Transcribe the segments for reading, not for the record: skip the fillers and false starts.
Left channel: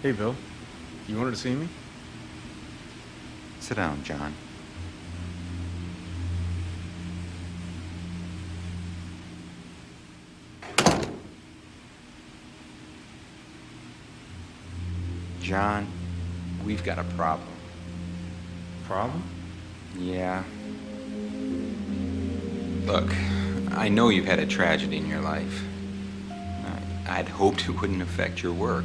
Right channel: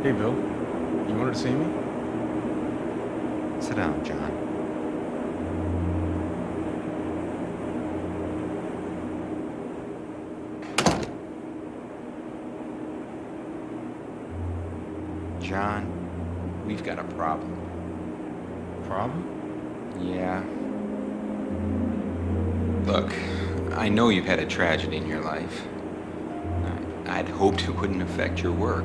Hey, Bill. You wanted to see me? Sit down, John. John, we've got a problem. Problem? Yeah. Look, I know you've had a tragedy in your life. I'd hoped it wouldn't affect your work.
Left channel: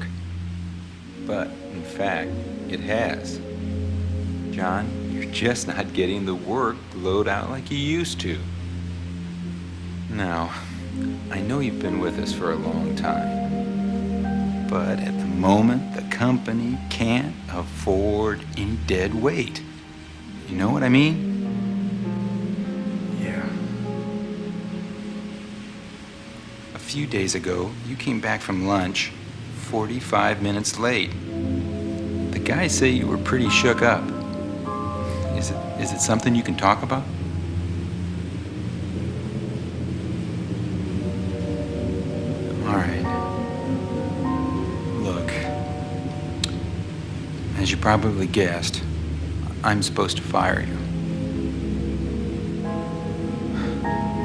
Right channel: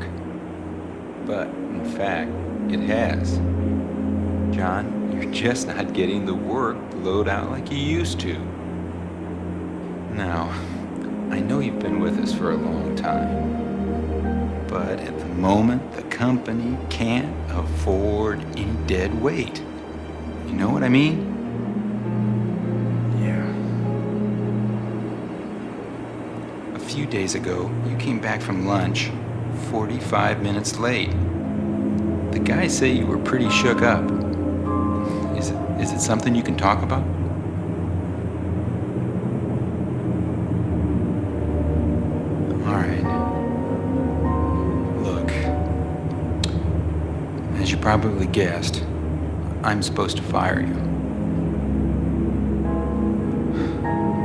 But, in fact, it has. John, you're just not getting the workload out like you used to. Now, I know you've been with us for a long time. But at the moment, the company can't afford any dead weight. You know what I mean? Yeah. A few days ago, you came back from lunch 45 minutes late. The guys say you were pretty shook up. Is it something you can talk about? All right. Look, as you probably guessed, I'm supposed to fire you.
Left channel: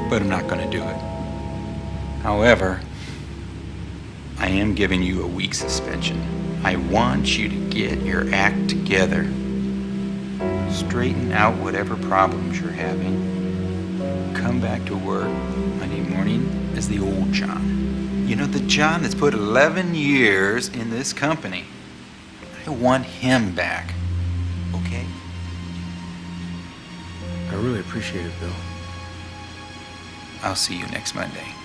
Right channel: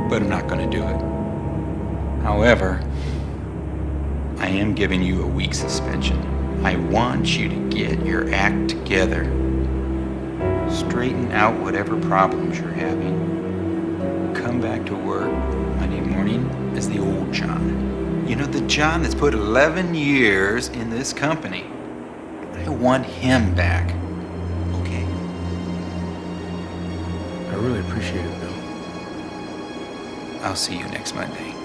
But I'm not going to do it. However, I am giving you a week suspension. I want you to get your act together. Straighten out whatever problems you're having. Come back to work Monday morning as the old John. You know, the John that's put 11 years in this company. I want him back. Okay? I really appreciate it, Bill. I'll see you next Monday.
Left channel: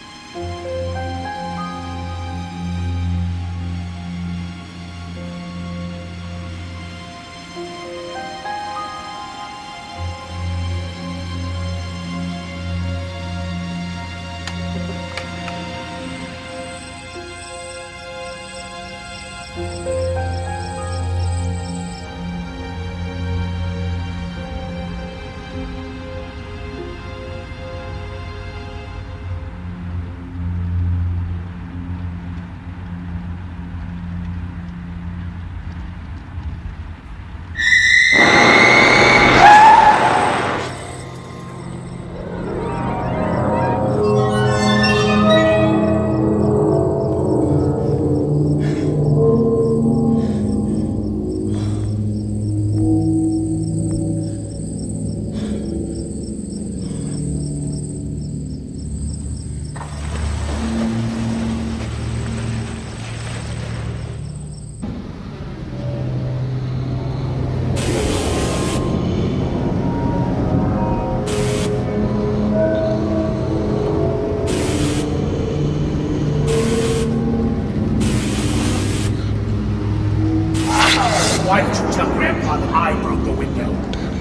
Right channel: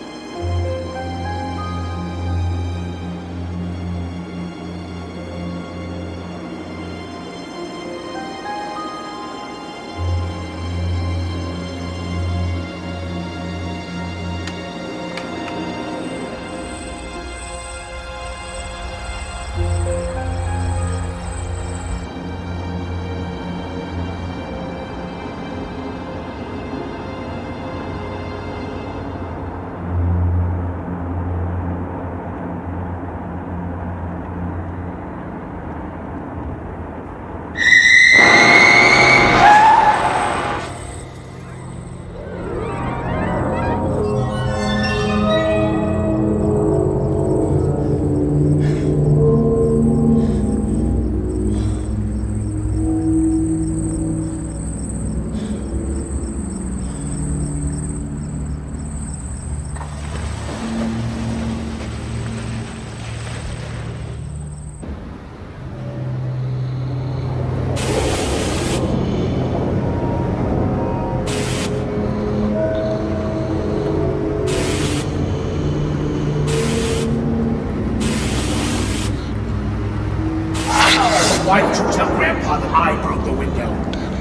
Why didn't you tell Grandpa that I broke the window?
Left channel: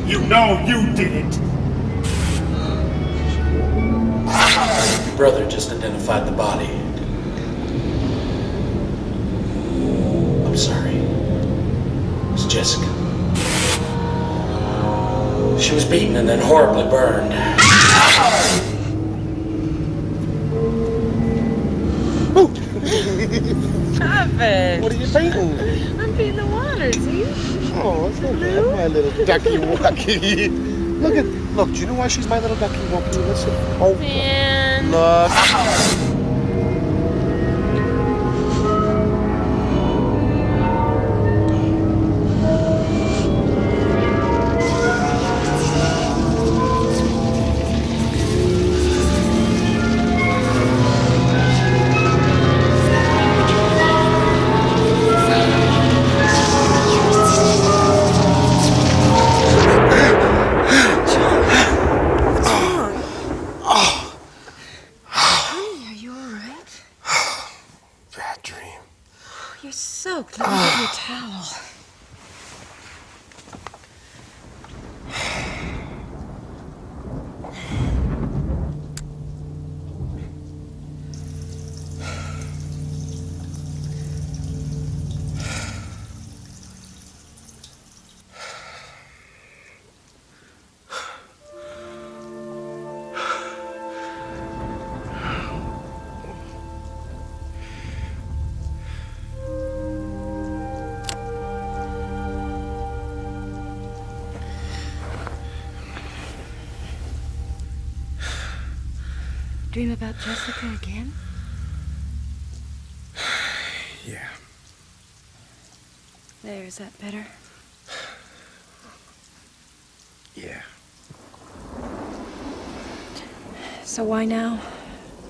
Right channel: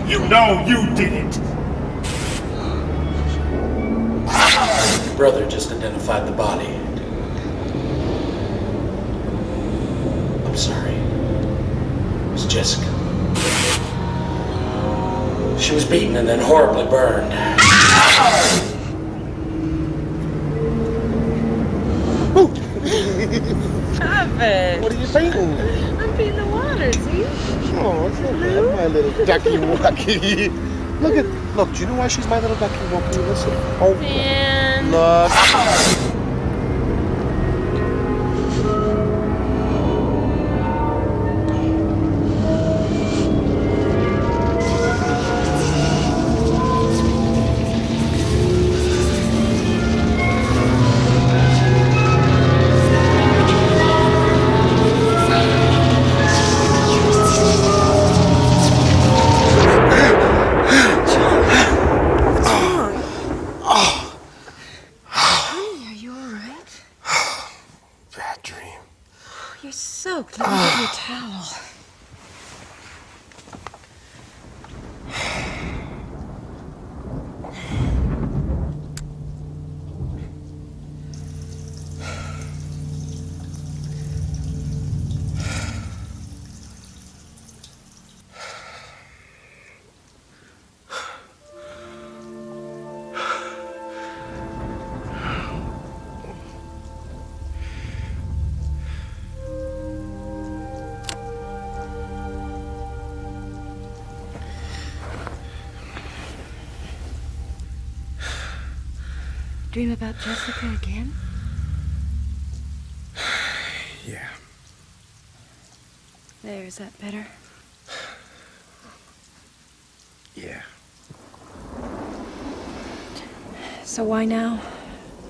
You know you did it! Your brother just identified the body. I'm sorry. It was Jessica. She was beaten and then horribly burned. Stop it. What are you painting? I'm painting the water, see? Oh, it's not bad, my little ducky wucky. Look, do you know why she's my little ducky wucky? Listen. Oh, Man. look. Are you dream about Jessica again? Yeah. There, is that better? Yeah. So why now?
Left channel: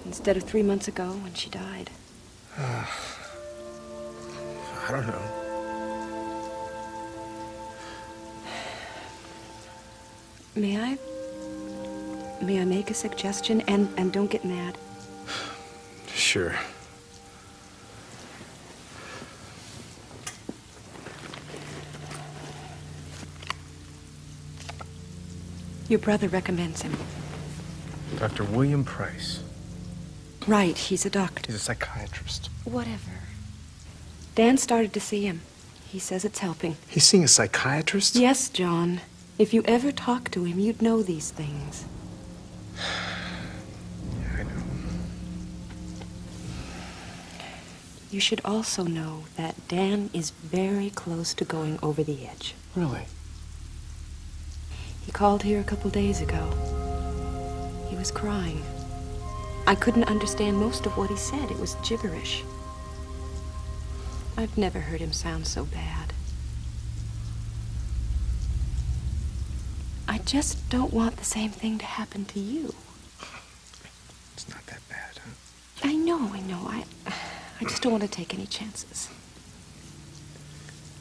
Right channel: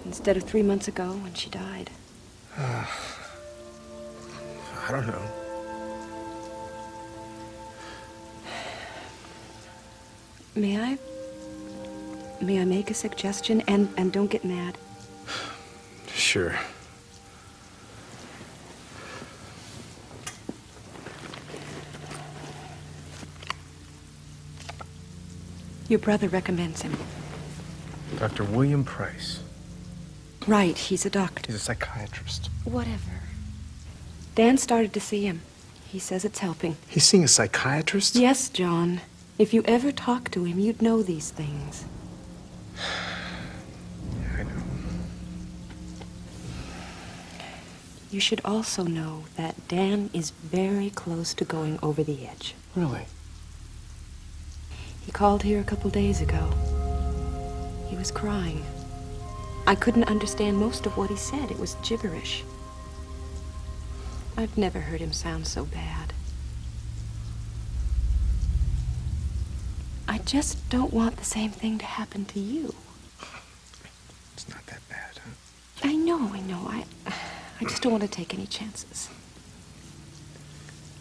Instead of 3 months ago when she died? I don't know. May I? May I make a suggestion? And don't get mad. Sure. Your brother recommends him. Dr. William Price. Right, he's a doctor. He's a psychiatrist. Whatever. Dan started to see him. He says it's helping. He's seeing a psychiatrist? Yes, John. If you ever talk to him, you'd know these things. Yeah, I know. You should also know that Dan is very close to going over the edge. Really? He called here a couple days ago. He was crying. I couldn't understand most of what he said. It was gibberish. I've never heard him sound so bad. I just don't want the same thing to happen to you. It's not that bad, huh? I know. I just don't want to take any chances.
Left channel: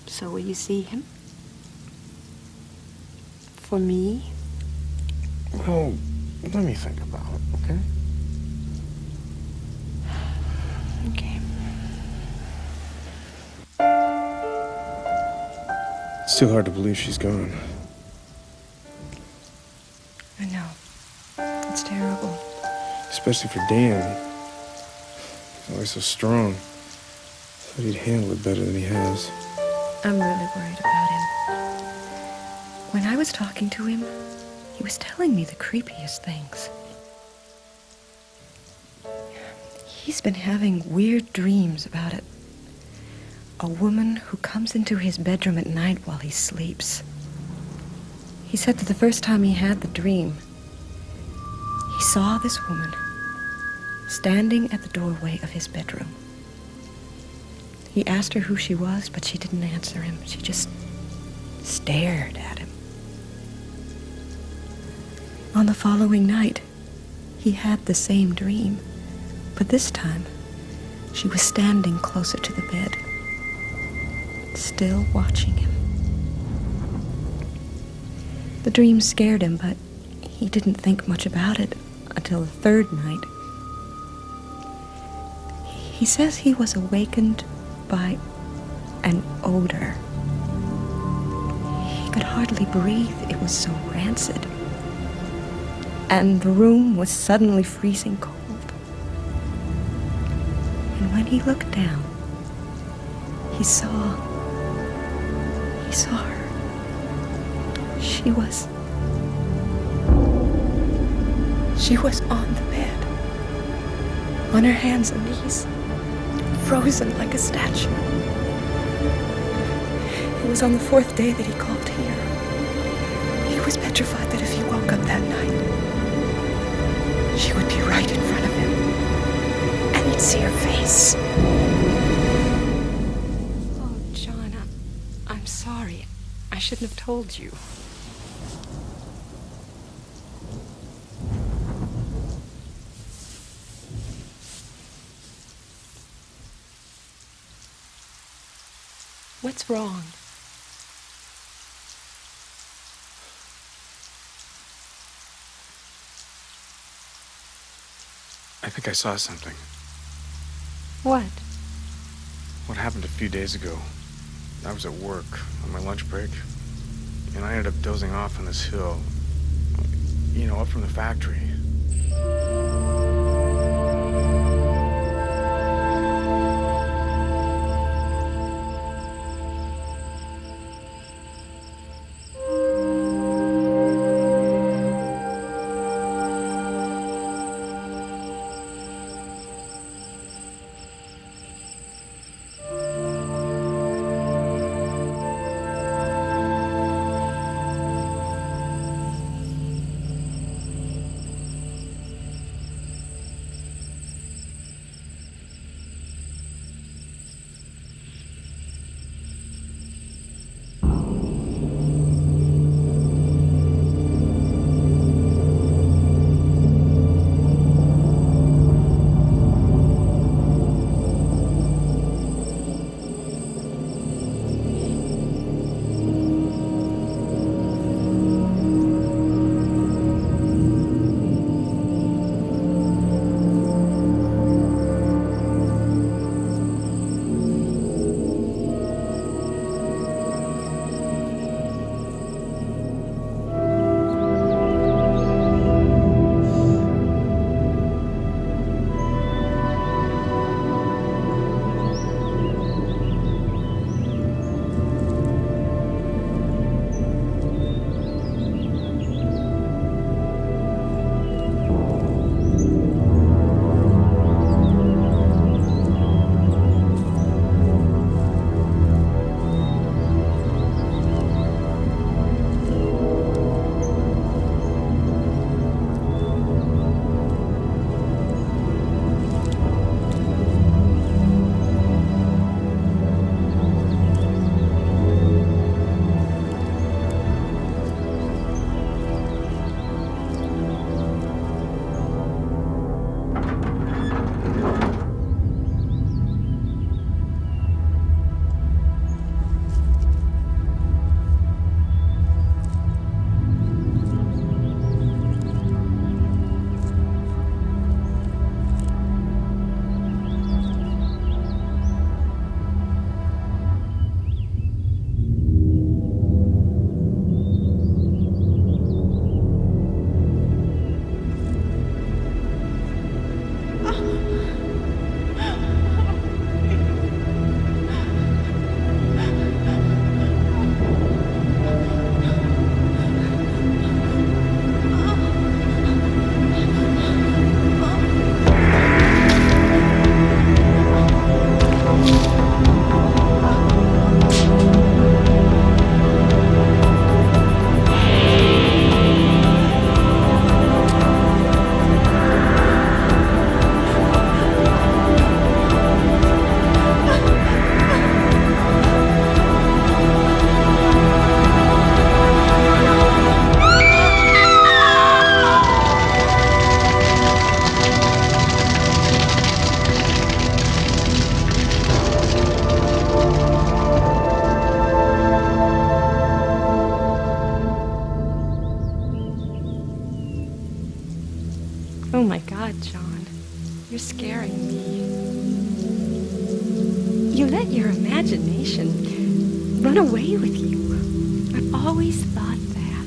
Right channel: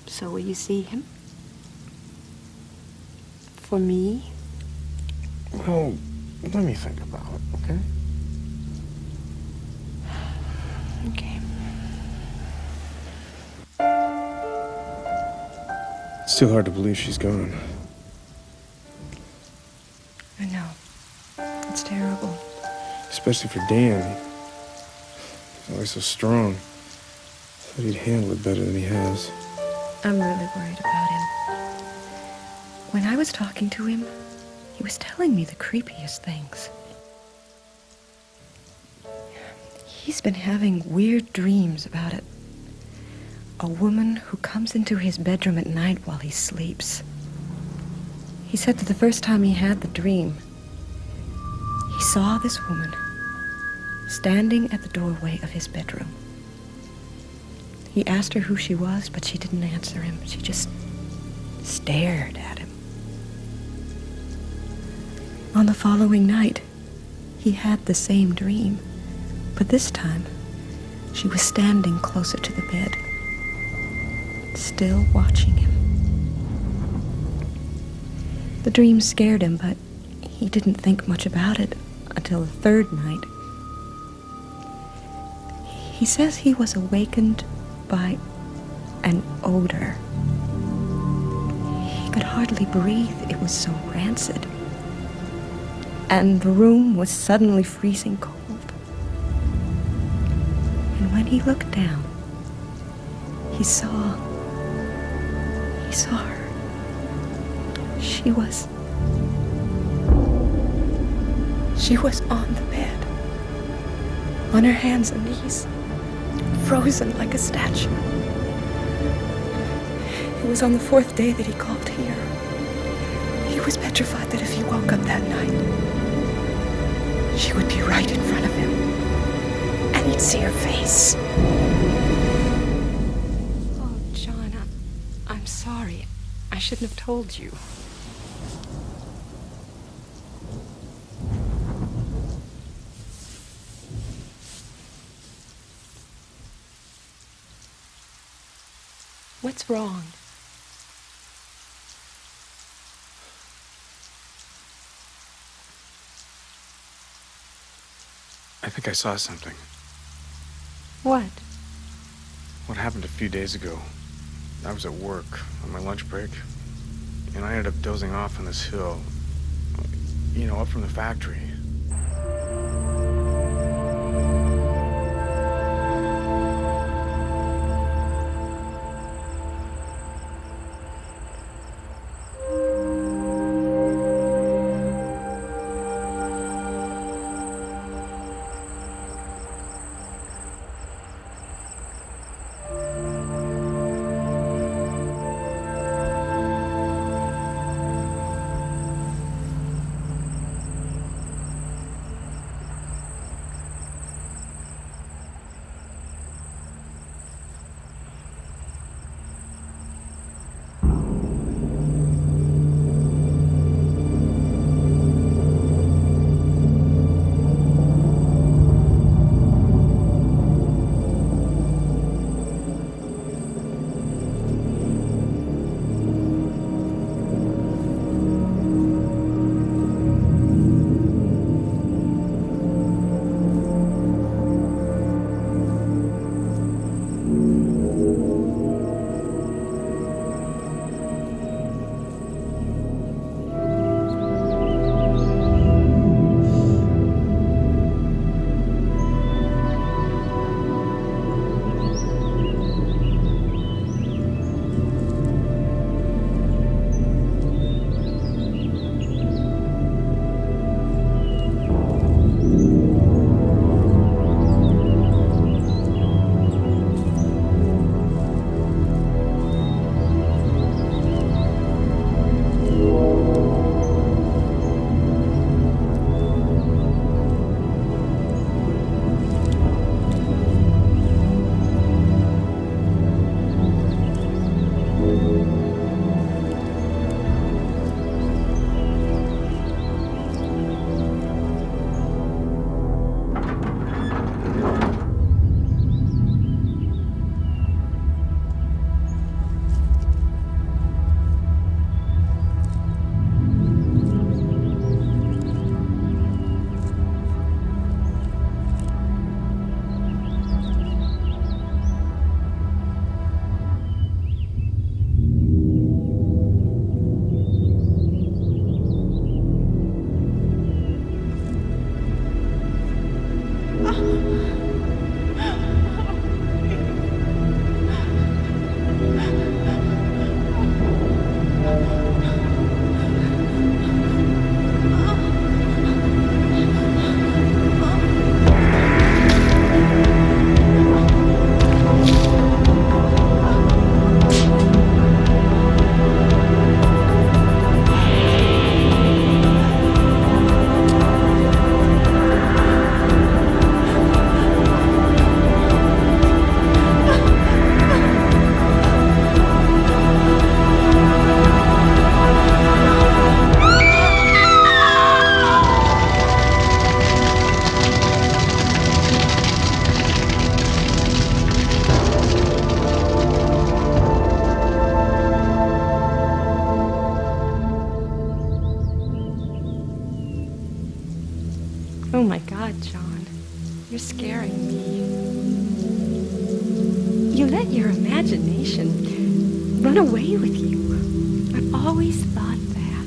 So will you see him? For me? Well, let me think about it, okay? Okay. It's still hard to believe she's gone. I know. It's terrible. Especially for Dan. He's always so strong. Thought he'd handle it better than he has. I'm really worried about him. When I was talking to him, he was telling me the creepiest things. He's been having weird dreams about it. A woman who comes into his bedroom at night while he sleeps. He said that the first time he had the dream, he saw this woman standing at the doorway of his bedroom. He asked her who she was, but she didn't answer him. She just stared at him. On the following night, he had the same dream, but this time, she was standing closer to the bed, still watching him. The dream scared him, but he didn't think much about it until the third night. He says he was awakened by an odor. He could hardly breathe. It was so rancid. And the room was suddenly freezing cold. And when he looked down, he saw her. She was on the bed, on her hands and knees, frozen like a statue. It was on the fourth day that he called here. He was petrified that if he woke up that night, she would be right in front of him, and he'd see her face. Oh, John, I'm sorry. I shouldn't have told you. What's wrong? I think I saw something. What? What happened a few days ago. I was at work on my lunch break, and I ended up dozing off on this hill, you know, up from the factory. Oh my God, John. You're scaring me. You let your imagination run away with you. I've always thought that.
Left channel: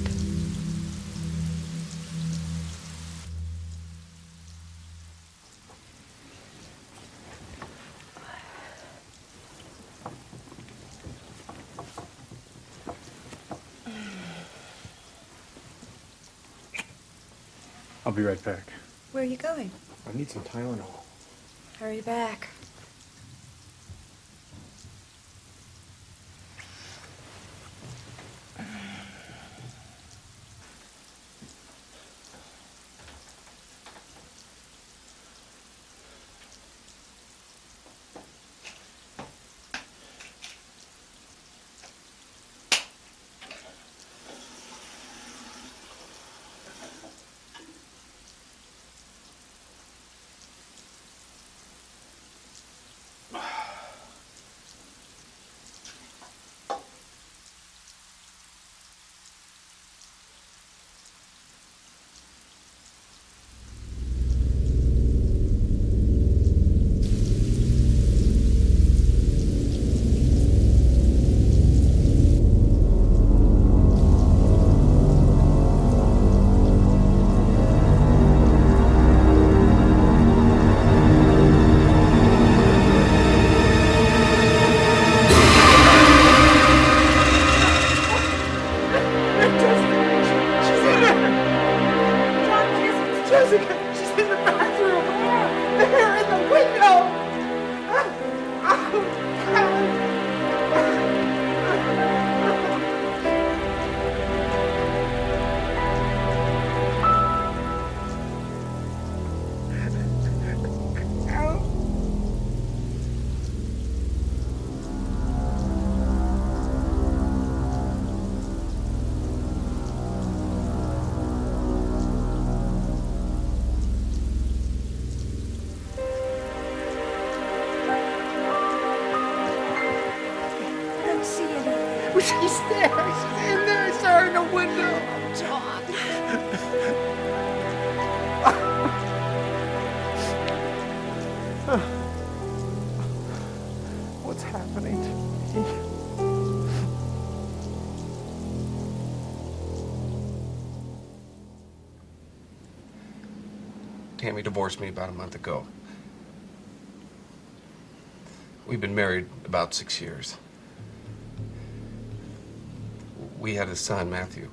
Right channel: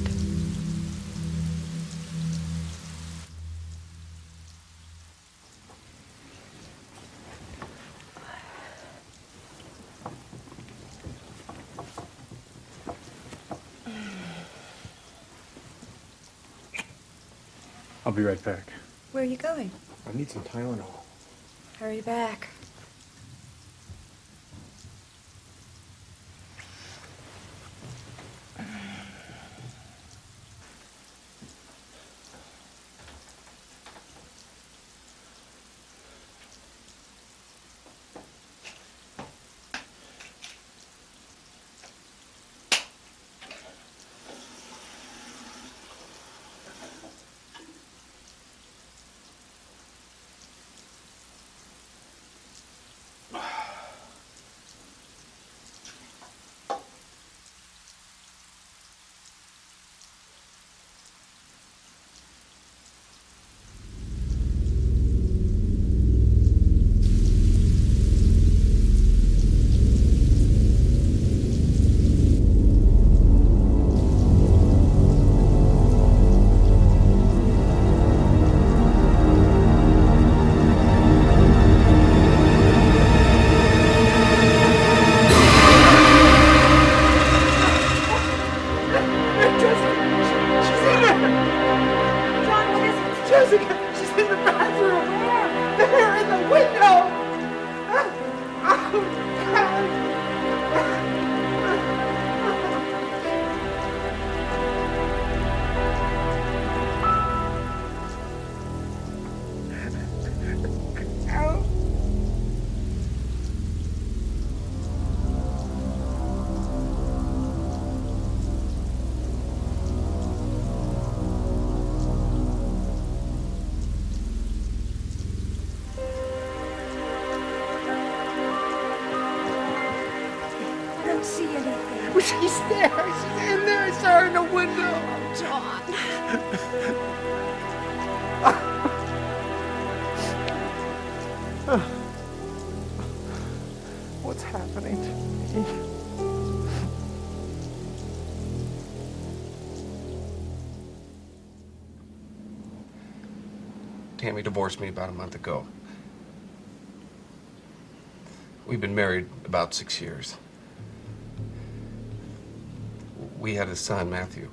I'll be right back. Where are you going? I need some Tylenol. Hurry back. She's there. She's in there. I saw her in the window. John. What's happening to me? Tammy divorced me about a month ago. We've been married about 6 years. We had a son, Matthew.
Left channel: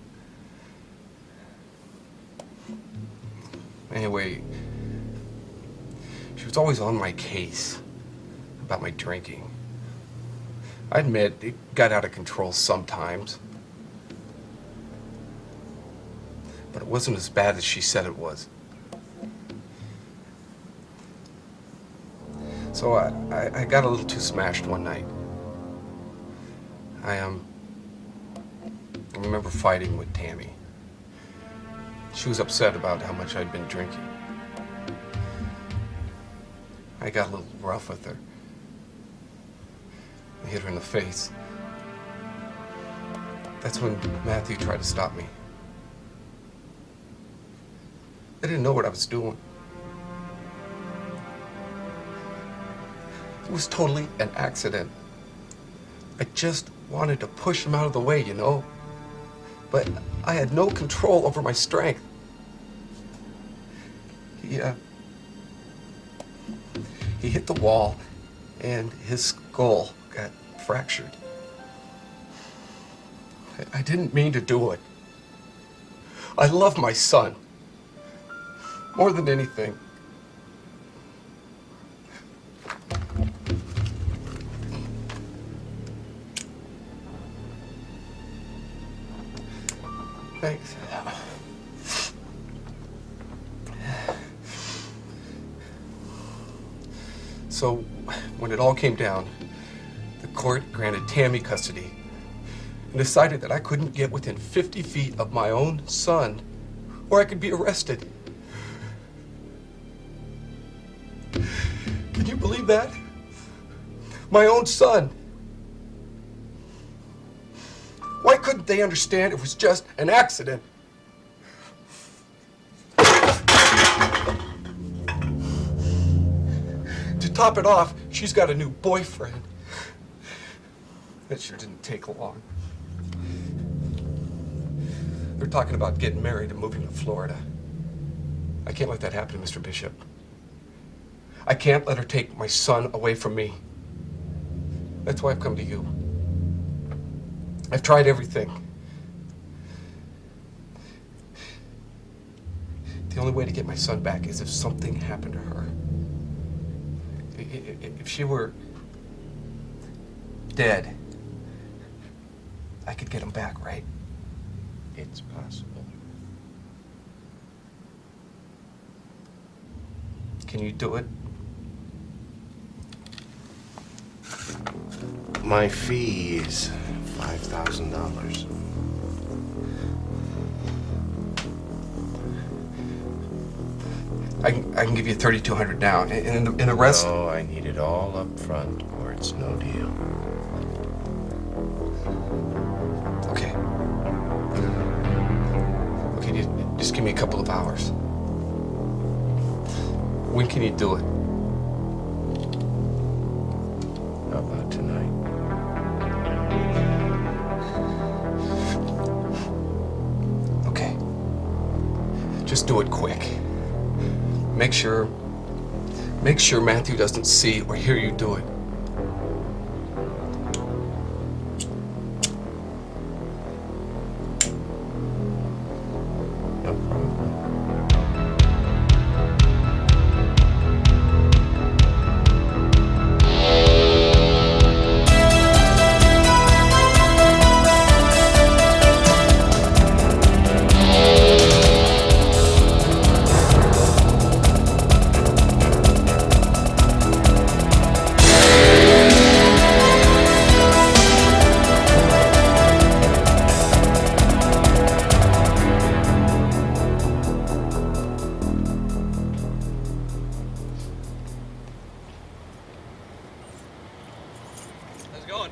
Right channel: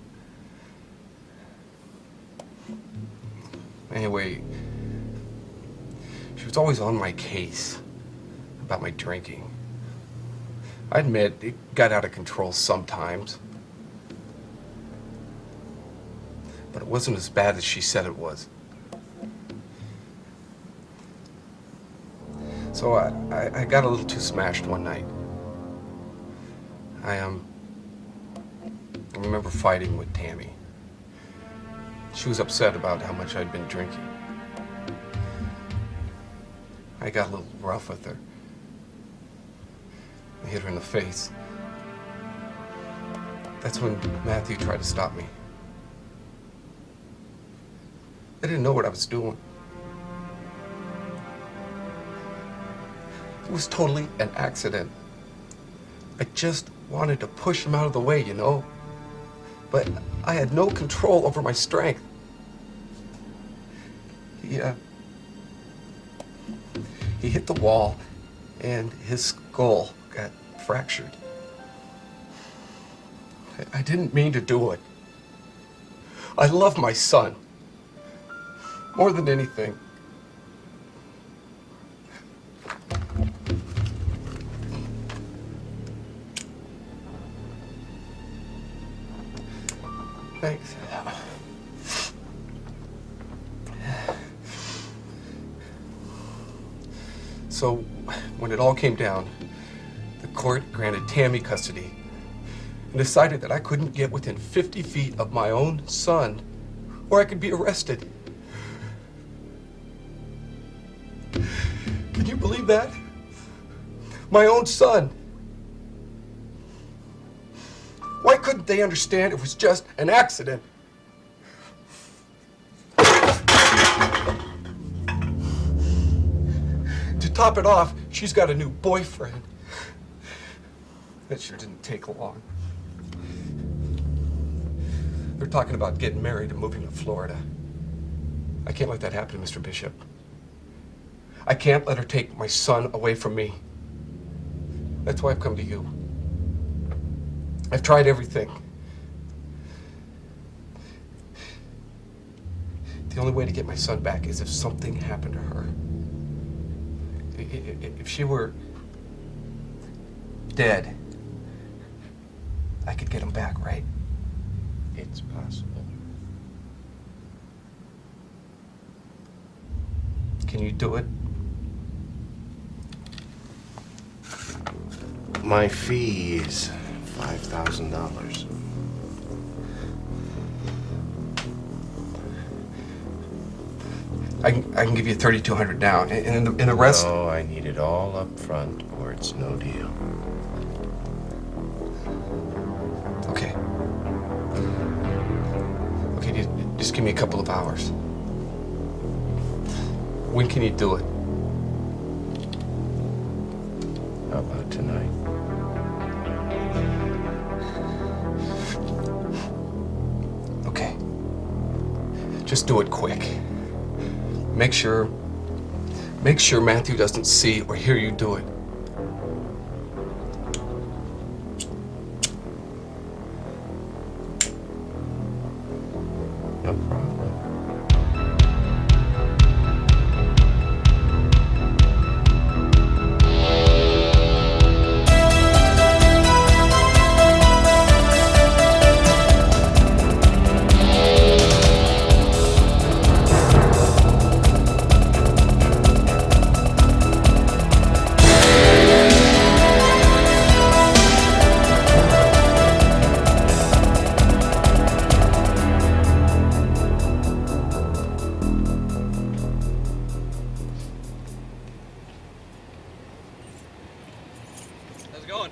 Anyway, she was always on my case about my drinking. I admit it got out of control sometimes, but it wasn't as bad as she said it was. So I got a little too smashed one night. I remember fighting with Tammy. She was upset about how much I'd been drinking. I got a little rough with her. I hit her in the face. That's when Matthew tried to stop me. I didn't know what I was doing. It was totally an accident. I just wanted to push him out of the way, you know? But I had no control over my strength. He hit the wall, and his skull got fractured. I didn't mean to do it. I love my son more than anything. Thanks. So, when it all came down, the court granted Tammy custody and decided that I couldn't get within 50 feet of my own son or I could be arrested. Can you believe that? My own son. Why couldn't they understand it was just an accident? top it off, she's got a new boyfriend. That sure didn't take long. They're talking about getting married and moving to Florida. I can't let that happen, Mr. Bishop. I can't let her take my son away from me. That's why I've come to you. I've tried everything. The only way to get my son back is if something happened to her. If she were dead, I could get him back, right? It's possible. Can you do it? My fee is $5,000. I can give you $3,200 now, and the rest. No, I need it all up front, or it's no deal. Okay. Okay, just give me a couple of hours. When can you do it? How about tonight? Okay. Just do it quick. Make sure Matthew doesn't see or hear you do it. No problem. How's it going?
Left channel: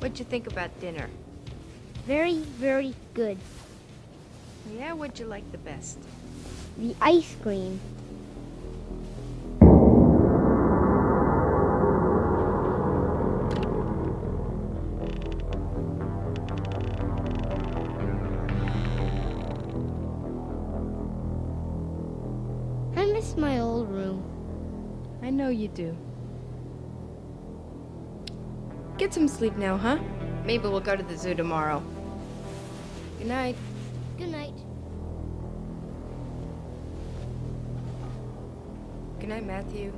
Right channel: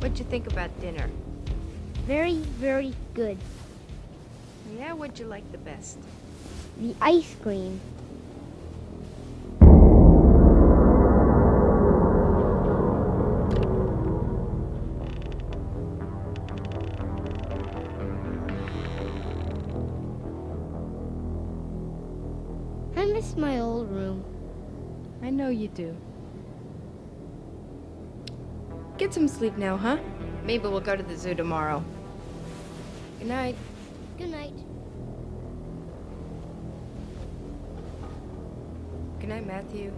What'd you think about dinner? Very, very good. Yeah, what'd you like the best? The ice cream. I miss my old room. I know you do. Get some sleep now, huh? Maybe we'll go to the zoo tomorrow. Good night. Good night. Good night, Matthew.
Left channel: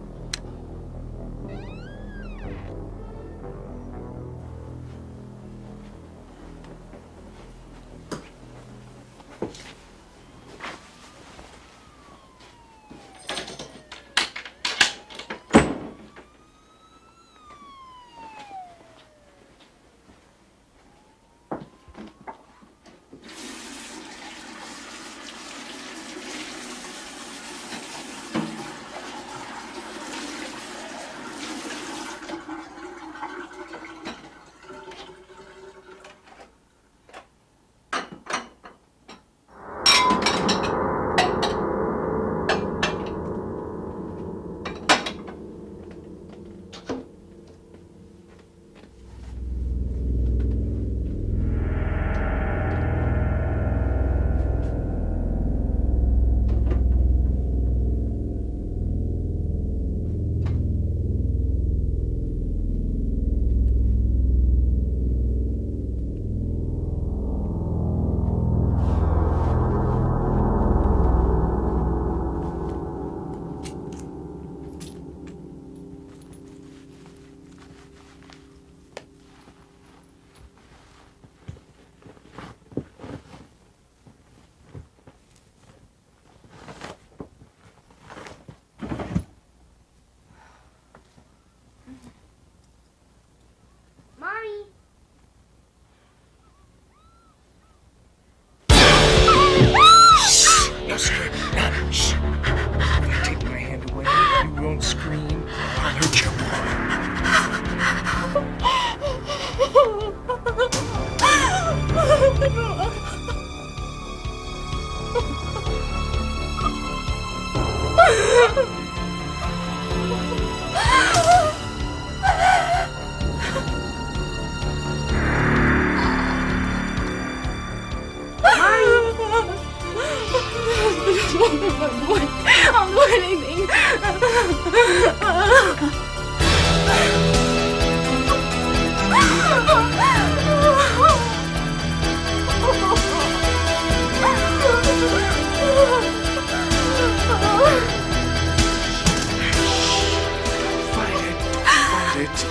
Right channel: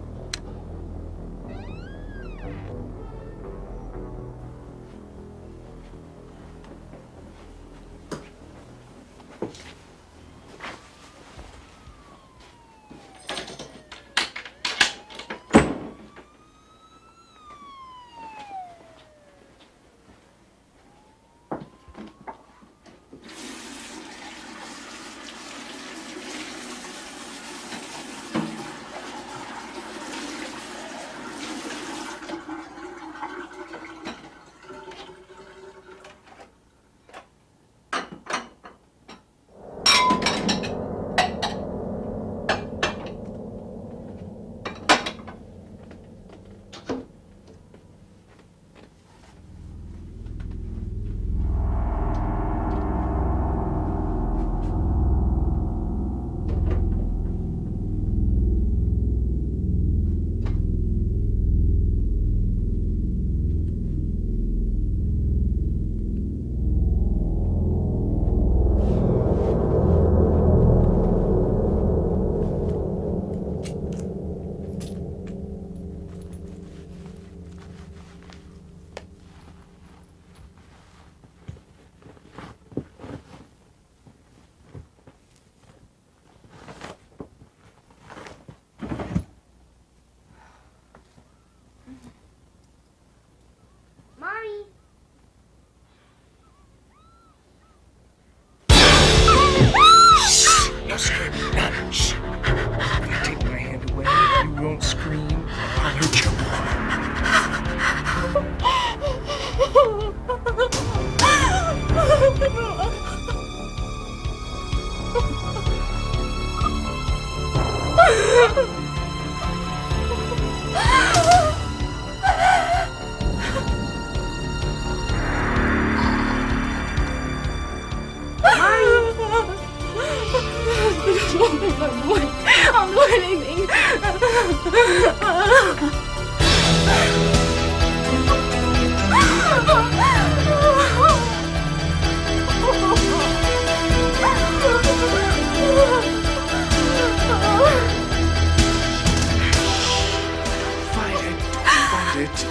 it. It's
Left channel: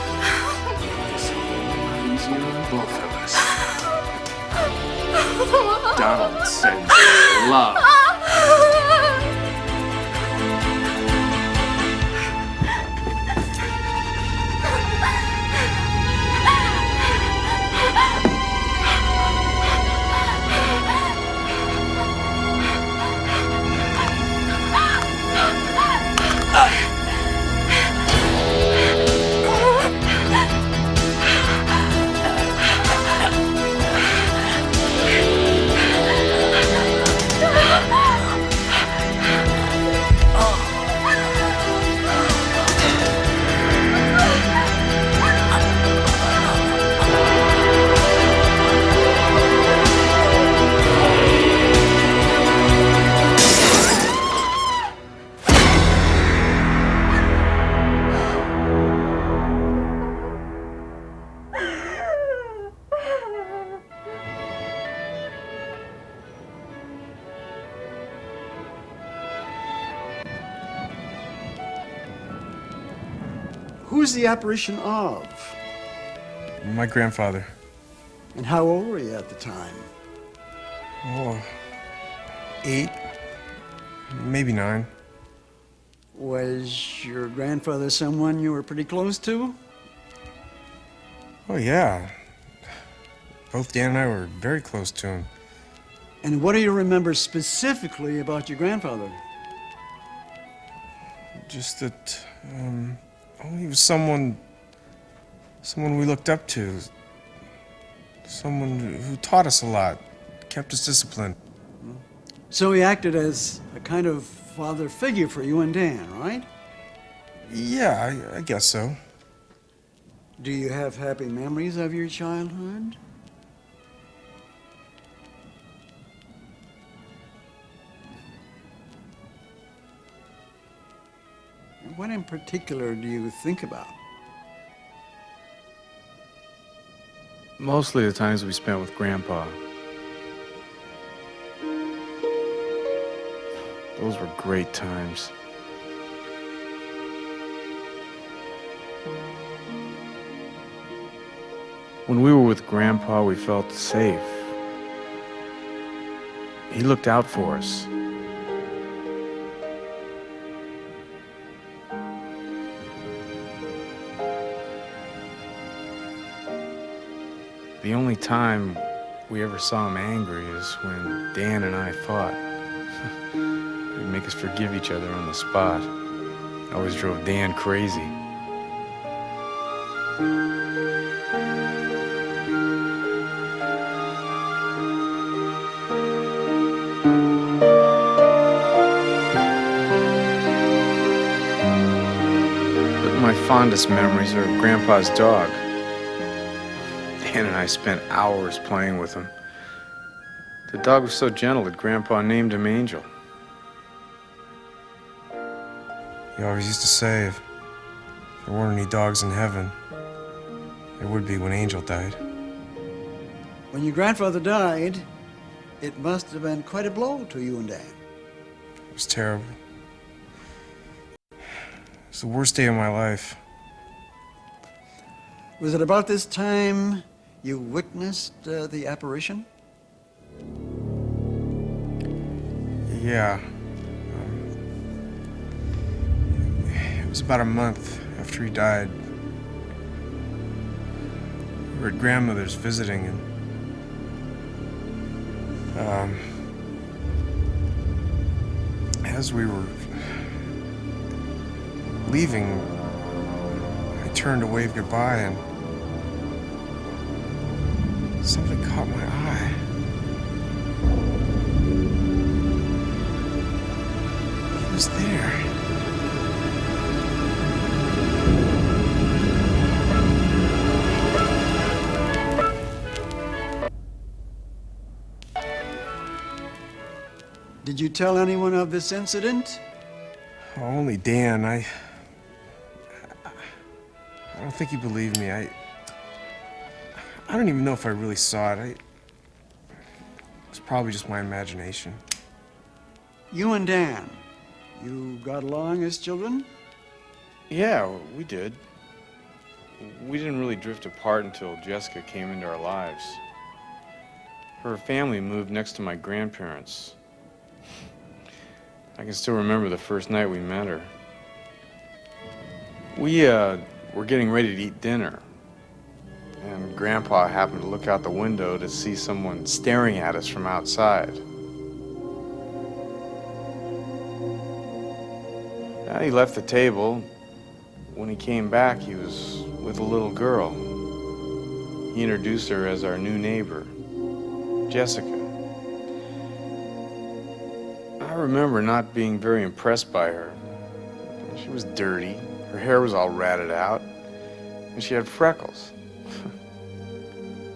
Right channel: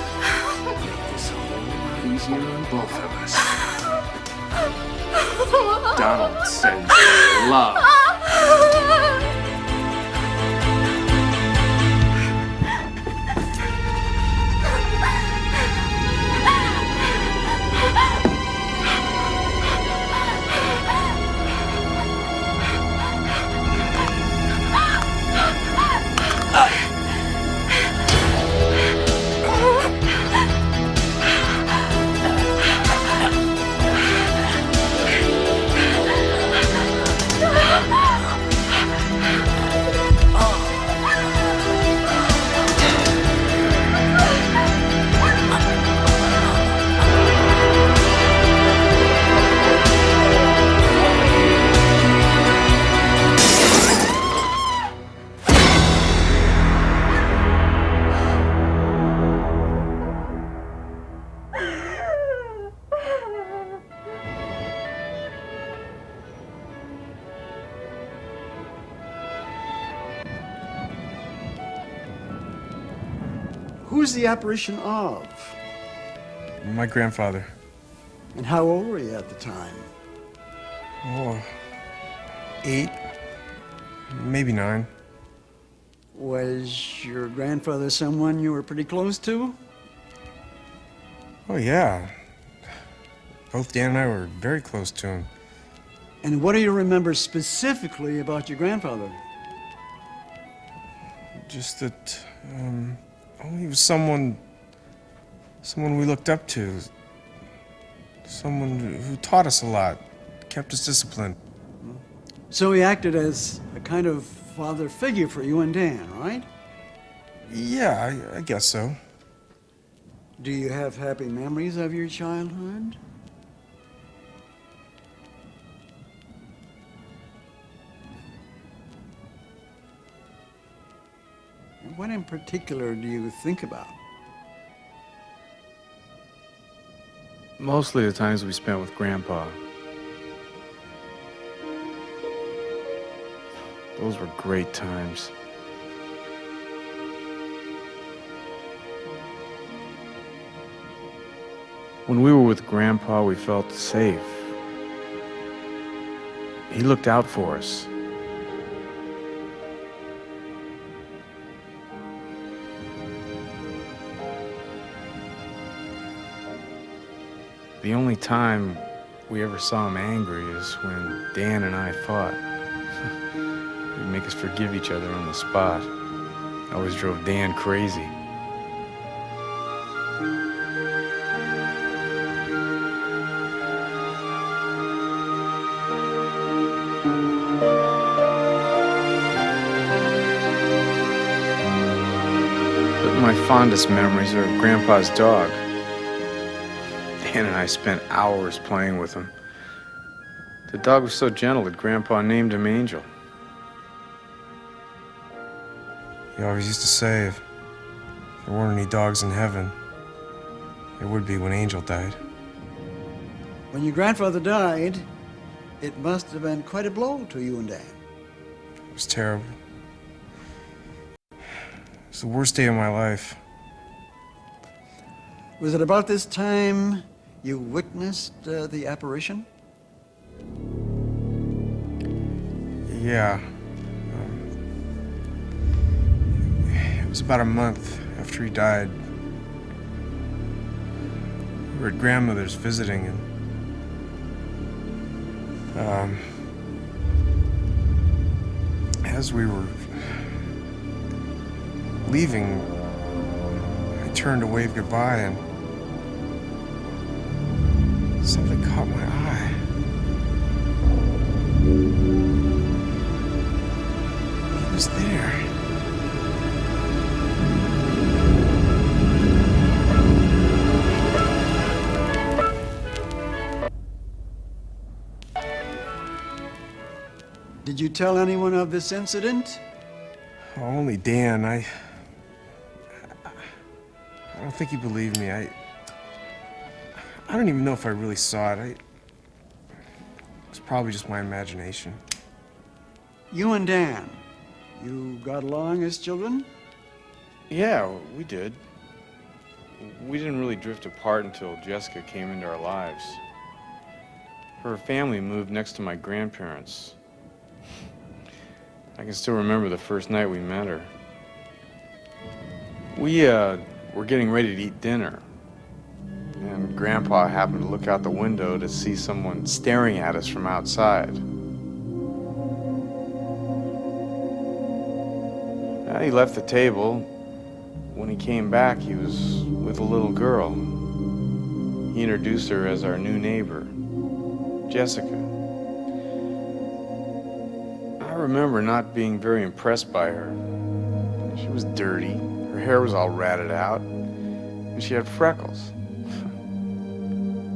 all easier on both of us. Donald sends love. Who's the apparition of? My grandfather. And how old were you at the time? Oh, 8, maybe 9. Was your grandfather someone you were pretty close to? Oh, yeah. Both Dan and I were very close to him. And what do you remember specifically about your grandfather? Just that, he was someone we looked up to. Someone who taught us a lot, kept us disciplined. So he acted as a kind of father figure for you and Dan, right? Yeah, I guess so. Do you have happy memories of your childhood? What in particular do you think about? Mostly the times we spent with Grandpa. Those were great times. When we were with Grandpa, we felt safe. He looked out for us. The only time we ever saw him angry is when Dan and I fought. He'd make us forgive each other on the spot. Always drove Dan crazy. But my fondest memories are of Grandpa's dog. Dan and I spent hours playing with him. The dog was so gentle that Grandpa named him Angel. He always used to say if there weren't any dogs in heaven, there would be when Angel died. When your grandfather died, it must have been quite a blow to you and Dan. It was terrible. It was the worst day of my life. Was it about this time you witnessed the apparition? Yeah. It was about a month after he died. We were at grandmother's visiting, and as we were leaving, I turned to wave goodbye, and something caught my eye. He was there. Did you tell anyone of this incident? Only Dan. I don't think he believed me. I don't even know if I really saw it. It was probably just my imagination. You and Dan, you got along as children? Yeah, we did. we didn't really drift apart until Jessica came into our lives. Her family moved next to my grandparents. I can still remember the first night we met her. We were getting ready to eat dinner, and Grandpa happened to look out the window to see someone staring at us from outside. He left the table. When he came back, he was with a little girl. He introduced her as our new neighbor, Jessica. I remember not being very impressed by her. She was dirty, her hair was all ratted out, and she had freckles.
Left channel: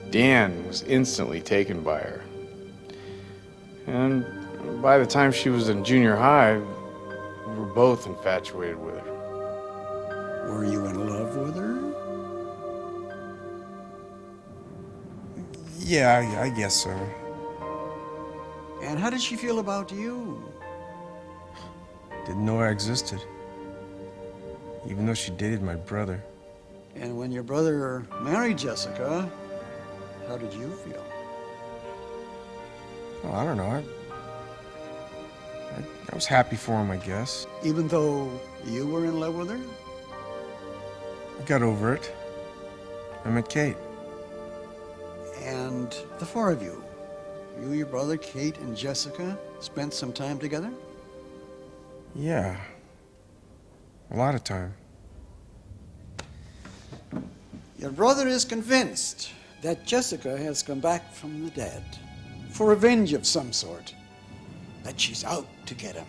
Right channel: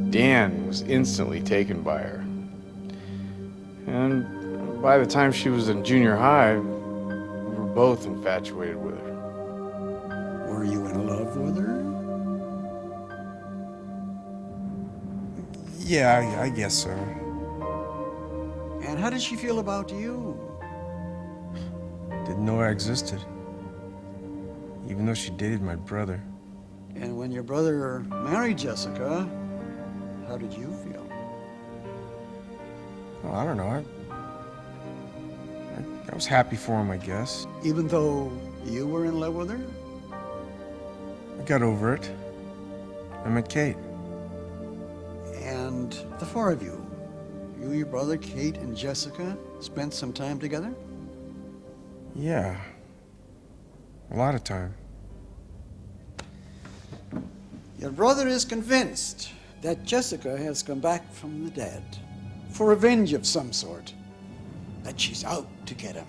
Dan was instantly taken by her. And by the time she was in junior high, we were both infatuated with her. Were you in love with her? Yeah, I guess so. And how did she feel about you? Didn't know I existed. Even though she dated my brother. And when your brother married Jessica, how did you feel? Oh, I don't know. I was happy for him, I guess. Even though you were in love with her? I got over it. I met Kate. And the four of you, your brother, Kate, and Jessica, spent some time together? Yeah. A lot of time. Your brother is convinced that Jessica has come back from the dead for revenge of some sort, that she's out to get him.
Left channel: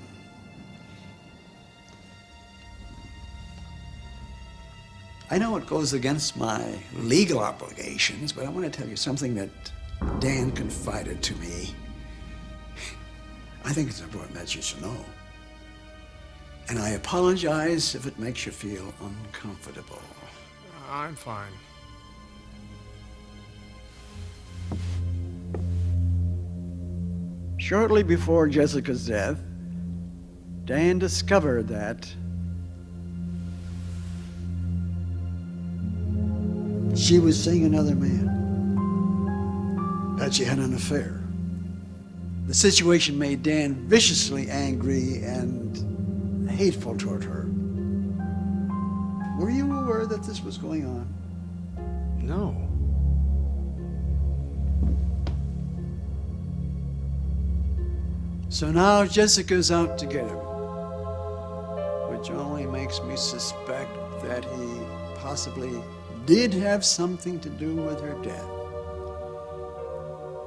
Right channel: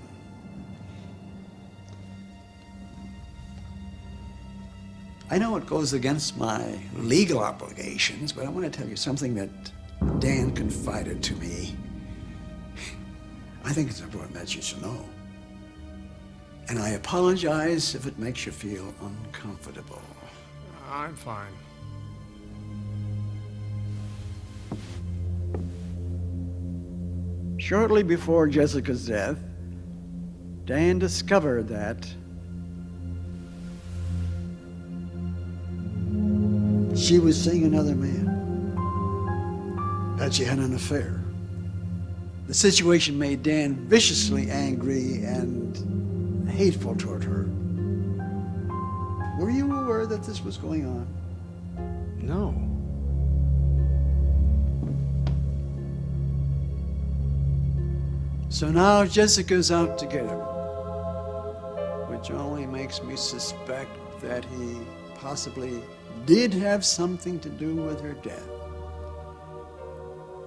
I know it goes against my legal obligations, but I want to tell you something that Dan confided to me. I think it's important that you should know. And I apologize if it makes you feel uncomfortable. I'm fine. Shortly before Jessica's death, Dan discovered that she was seeing another man, that she had an affair. The situation made Dan viciously angry and hateful toward her. Were you aware that this was going on? No. So now Jessica's out to get him, which only makes me suspect that he possibly did have something to do with her death.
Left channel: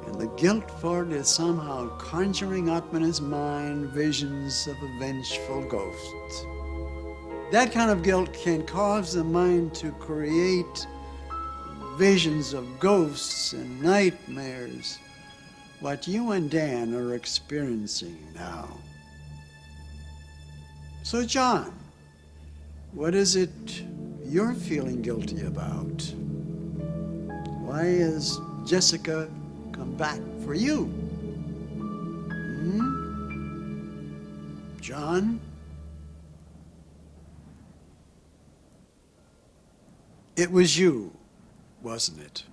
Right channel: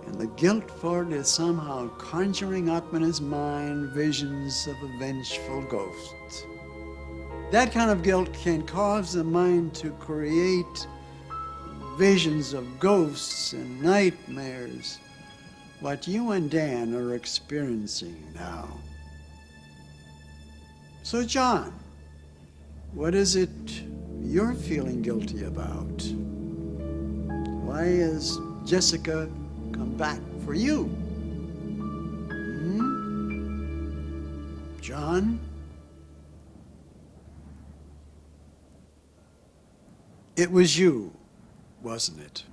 And the guilt for it is somehow conjuring up in his mind visions of a vengeful ghost. That kind of guilt can cause the mind to create visions of ghosts and nightmares, what you and Dan are experiencing now. So, John, what is it you're feeling guilty about? Why has Jessica come back for you? John? It was you, wasn't it?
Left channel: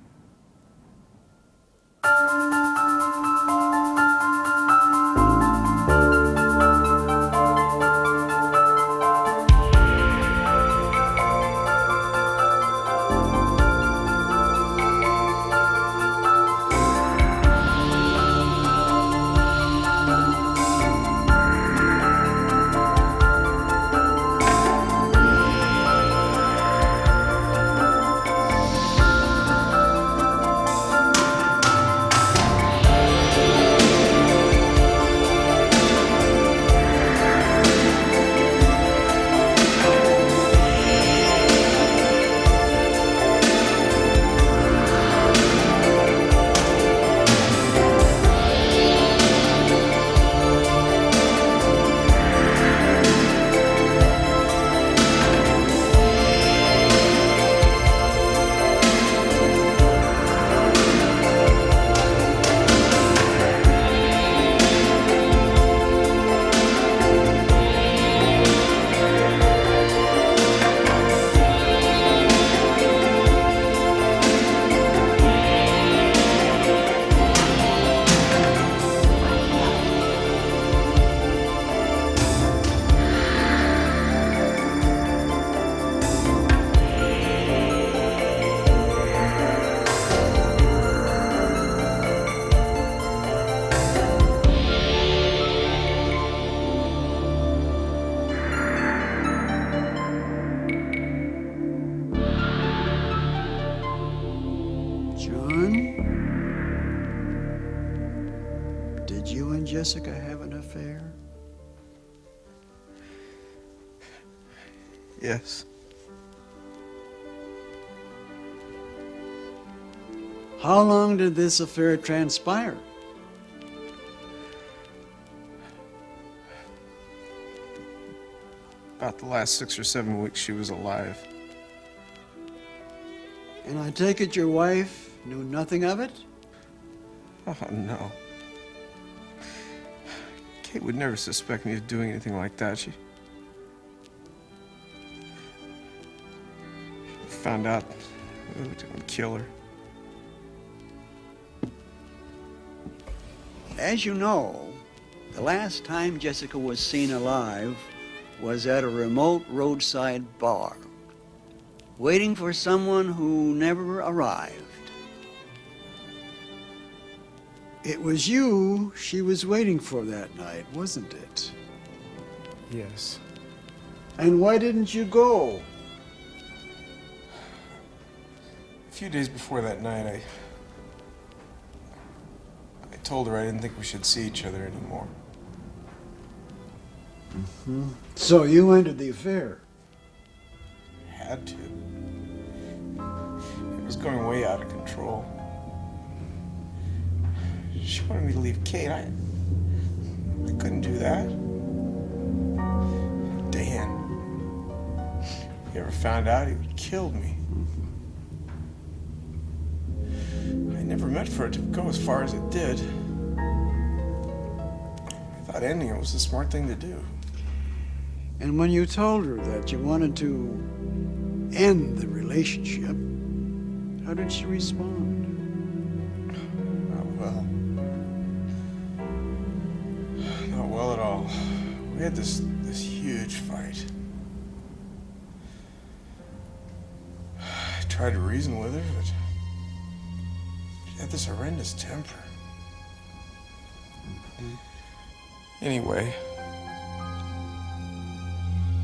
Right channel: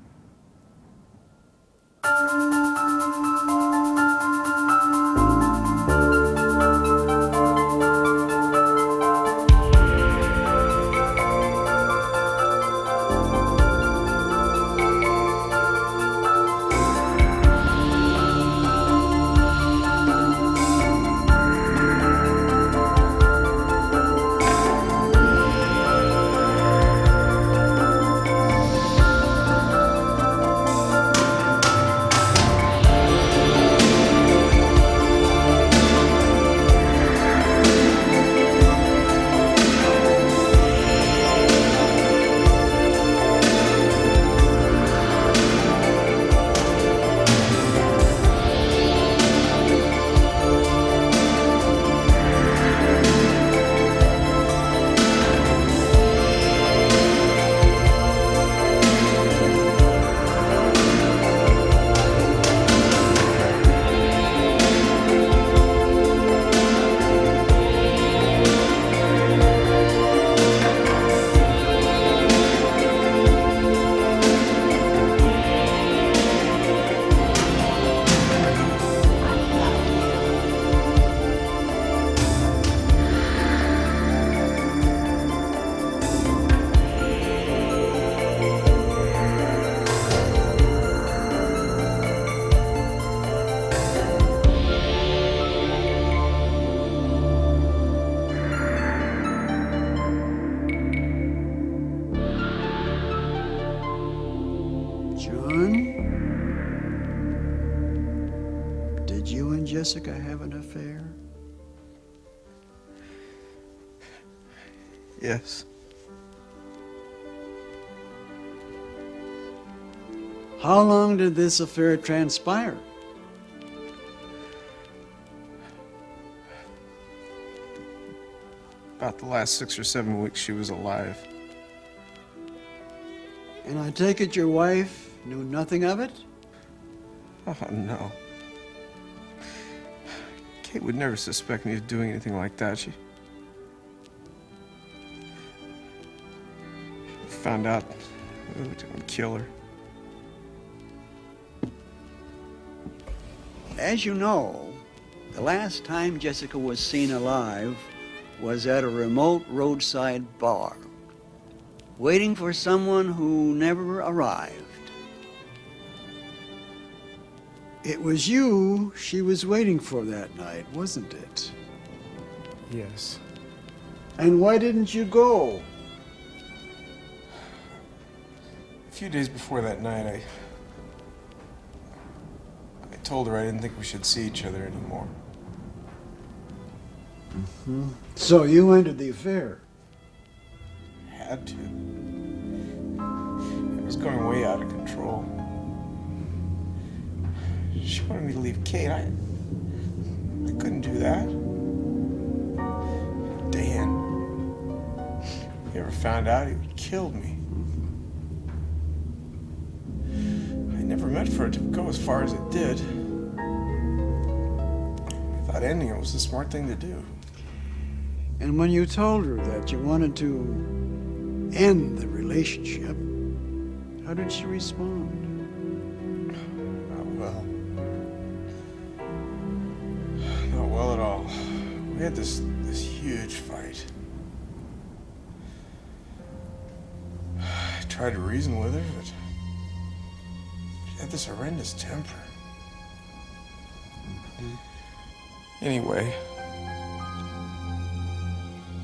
Jessica have an affair? Yes. How long did this affair transpire? About the last 6 or 7 weeks she was alive. And I take it your wife knew nothing of it? Oh, no. Kate would never suspect me of doing anything like that. She found out it would kill her. As you know, the last time Jessica was seen alive was at a remote roadside bar, waiting for someone who never arrived. It was you she was waiting for that night, wasn't it? Yes. And why didn't you go? A few days before that night, I told her I didn't think we should see each other anymore. So you ended the affair. Had to. It was going way out of control. She wanted me to leave Kate. I couldn't do that. Dan, if he ever found out, he would have killed me. I never meant for it to go as far as it did. I thought ending it was the smart thing to do. And when you told her that you wanted to end the relationship, how did she respond? Not well. Not well at all. We had this huge fight. I tried to reason with her, but she had this horrendous temper. Anyway,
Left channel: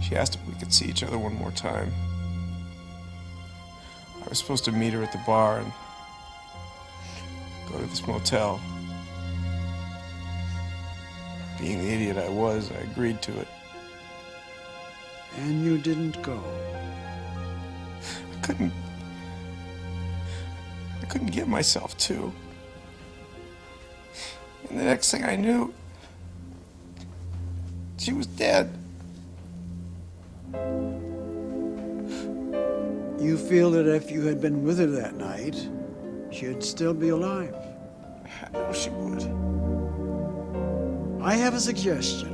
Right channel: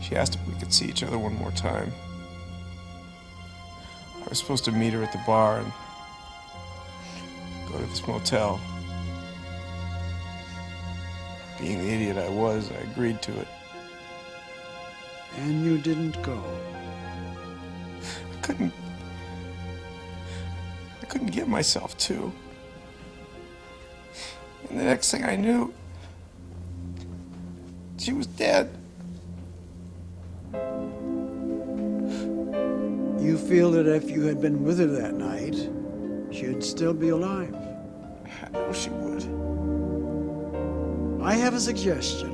she asked if we could see each other one more time. I was supposed to meet her at the bar and go to this motel. Being the idiot I was, I agreed to it. And you didn't go. I couldn't get myself to. And the next thing I knew, she was dead. You feel that if you had been with her that night, she'd still be alive. I know she would. I have a suggestion.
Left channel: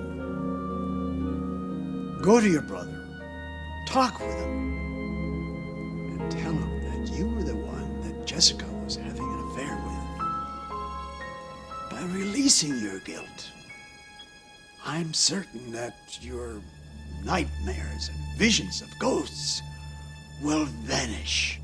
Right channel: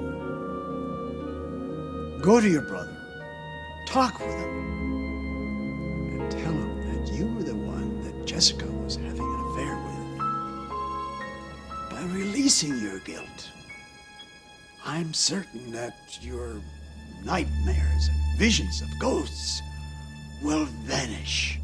Go to your brother, talk with him, and tell him that you were the one that Jessica was having an affair with. By releasing your guilt, I'm certain that your nightmares and visions of ghosts will vanish.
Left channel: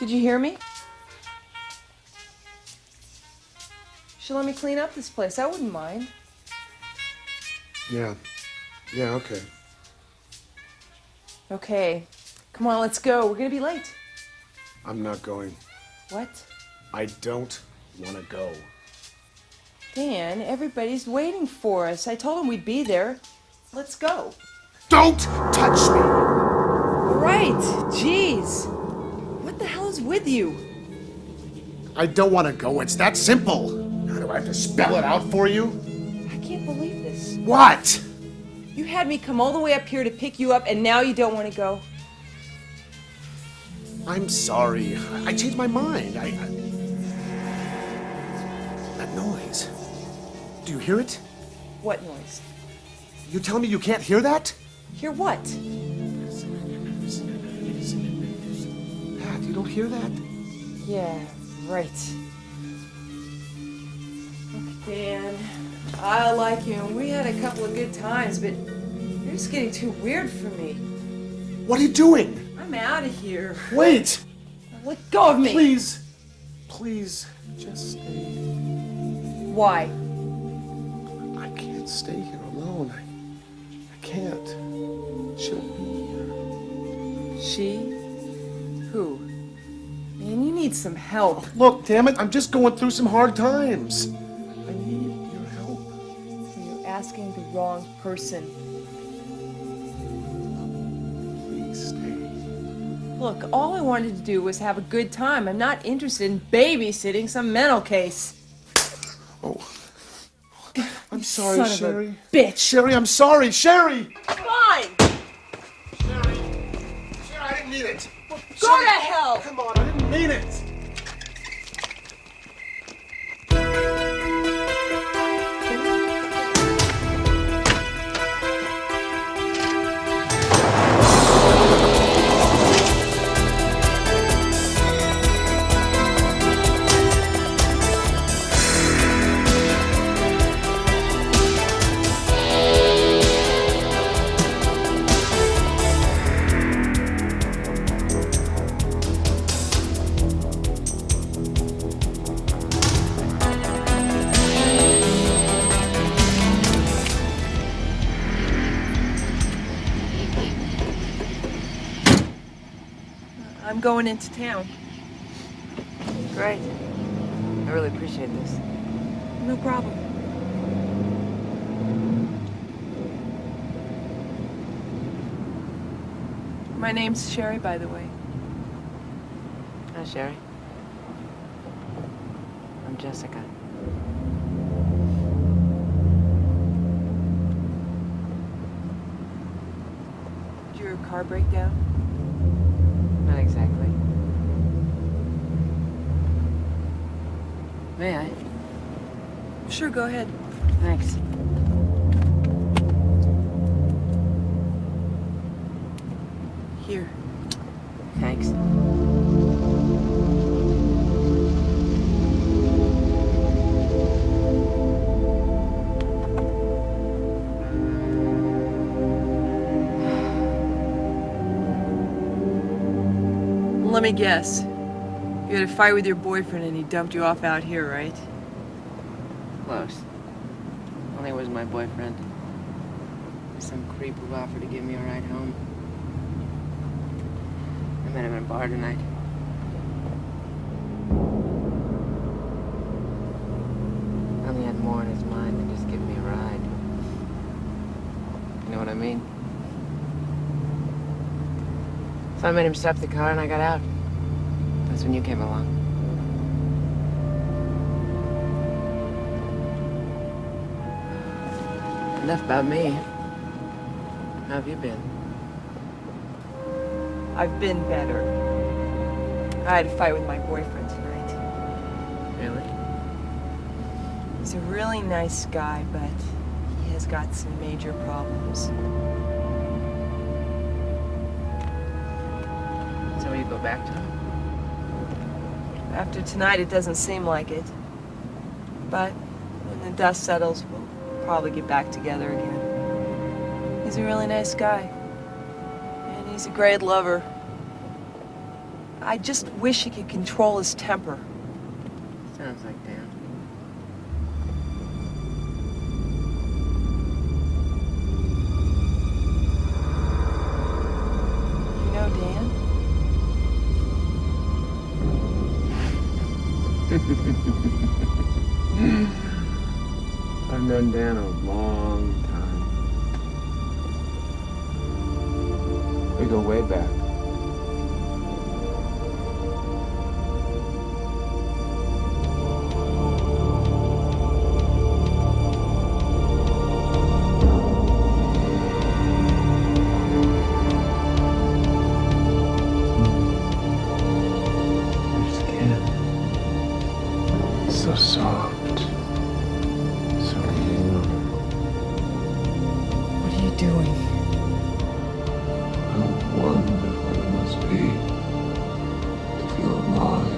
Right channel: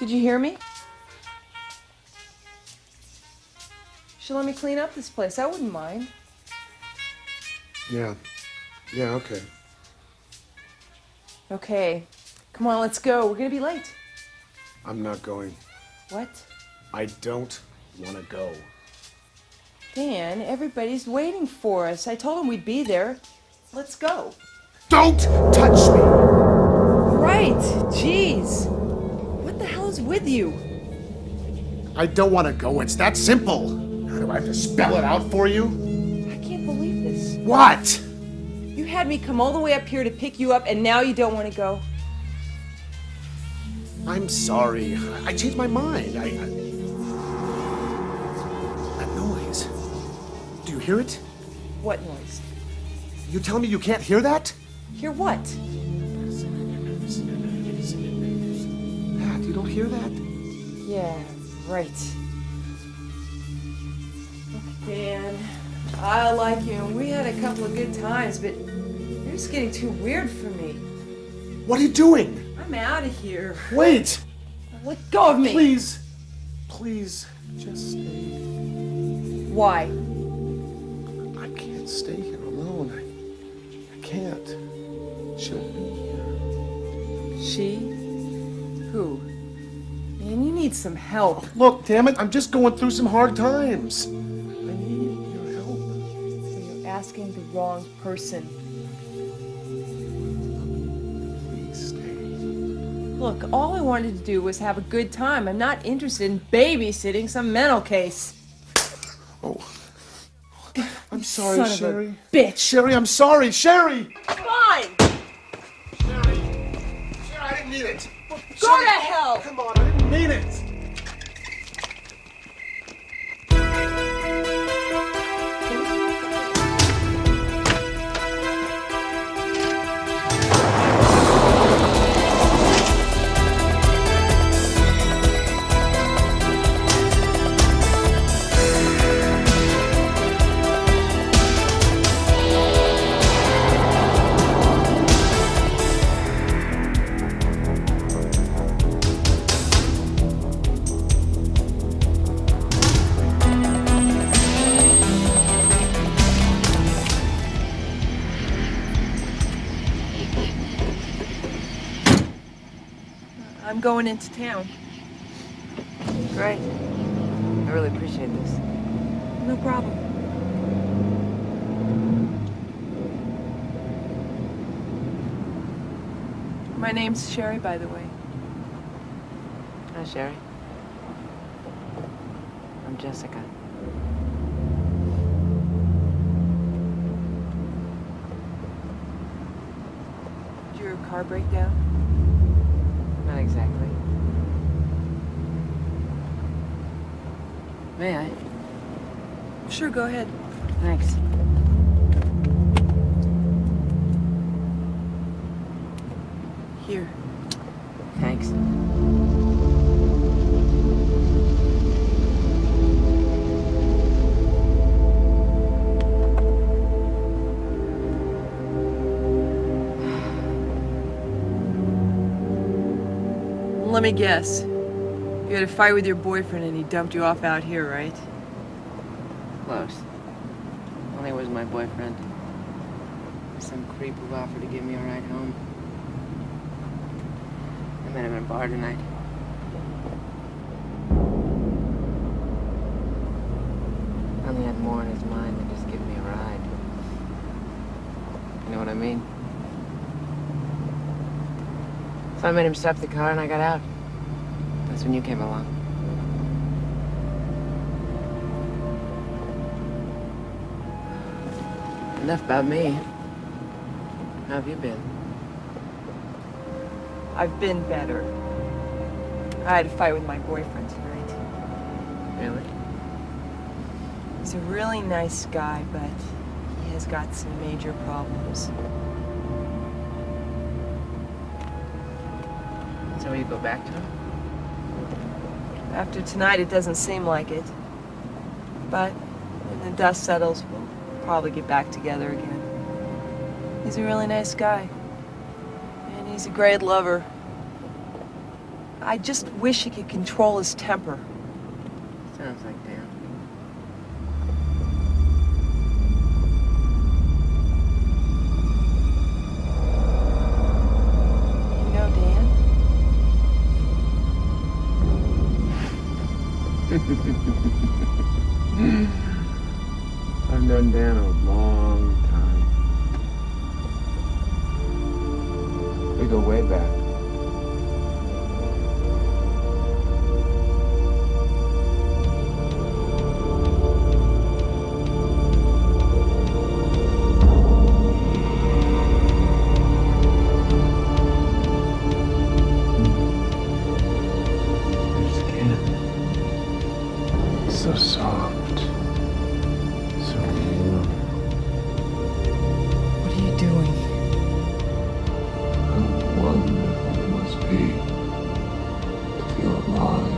Did you hear me? She'll let me clean up this place. I wouldn't mind. Yeah, okay. Okay. Come on, let's go. We're gonna be late. I'm not going. What? I don't want to go. Dan, everybody's waiting for us. I told them we'd be there. Let's go. Don't touch me! All right. Jeez. What the hell is with you? I don't want to go. It's that simple. How do I have to spell it out for you? I can't believe this. What? You had me come all the way up here to pick you up, and now you don't want to go? I'm sorry. I changed my mind. That noise. Do you hear it? What noise? You telling me you can't hear that? Hear what? Pat, you don't hear that? Yeah, right. Dan, I like you, and we had a couple of good times, but you're just getting too weird for me. What are you doing? I'm out of here. Wait! Let go of me. Please. Please, just stay. Why? I can't stay here alone. I can't. She'll be here. She? Who? Man, you need some help. Look, damn it, I'm just going through some hard times. I need your help. You're asking the wrong person. Please stay. Look, all I wanted to do was have a good time. I'm not interested in babysitting some mental case. Oh. I'm sorry, Son of a Sherry. bitch. Sherry, I'm sorry. Sherry! Fine! Sherry, I didn't mean it. Go to hell! Come on, I didn't mean it. I'm going into town. Great. I really appreciate this. No problem. My name's Sherry, by the way. Hi, Sherry. I'm Jessica. Did your car break down? Not exactly. May I? Sure, go ahead. Thanks. Here. Thanks. Let me guess. You had a fight with your boyfriend and he dumped you off out here, right? Close. Only was my boyfriend. Some creep who offered to give me a ride home. I met him in a bar tonight. Only had more in his mind than just giving me a ride. You know what I mean? So I made him stop the car and I got out. That's when you came along. Enough about me. How have you been? I've been better. I had a fight with my boyfriend tonight. Really? He's a really nice guy, but he has got some major problems. So will you go back to him? After tonight, it doesn't seem like it. But when the dust settles, we'll probably get back together again. He's a really nice guy. And he's a great lover. I just wish he could control his temper. Sounds like Dan. You know Dan? I've known Dan a long time. We go way back. Your skin. So soft. So warm. What are you doing? How wonderful it must be to feel alive.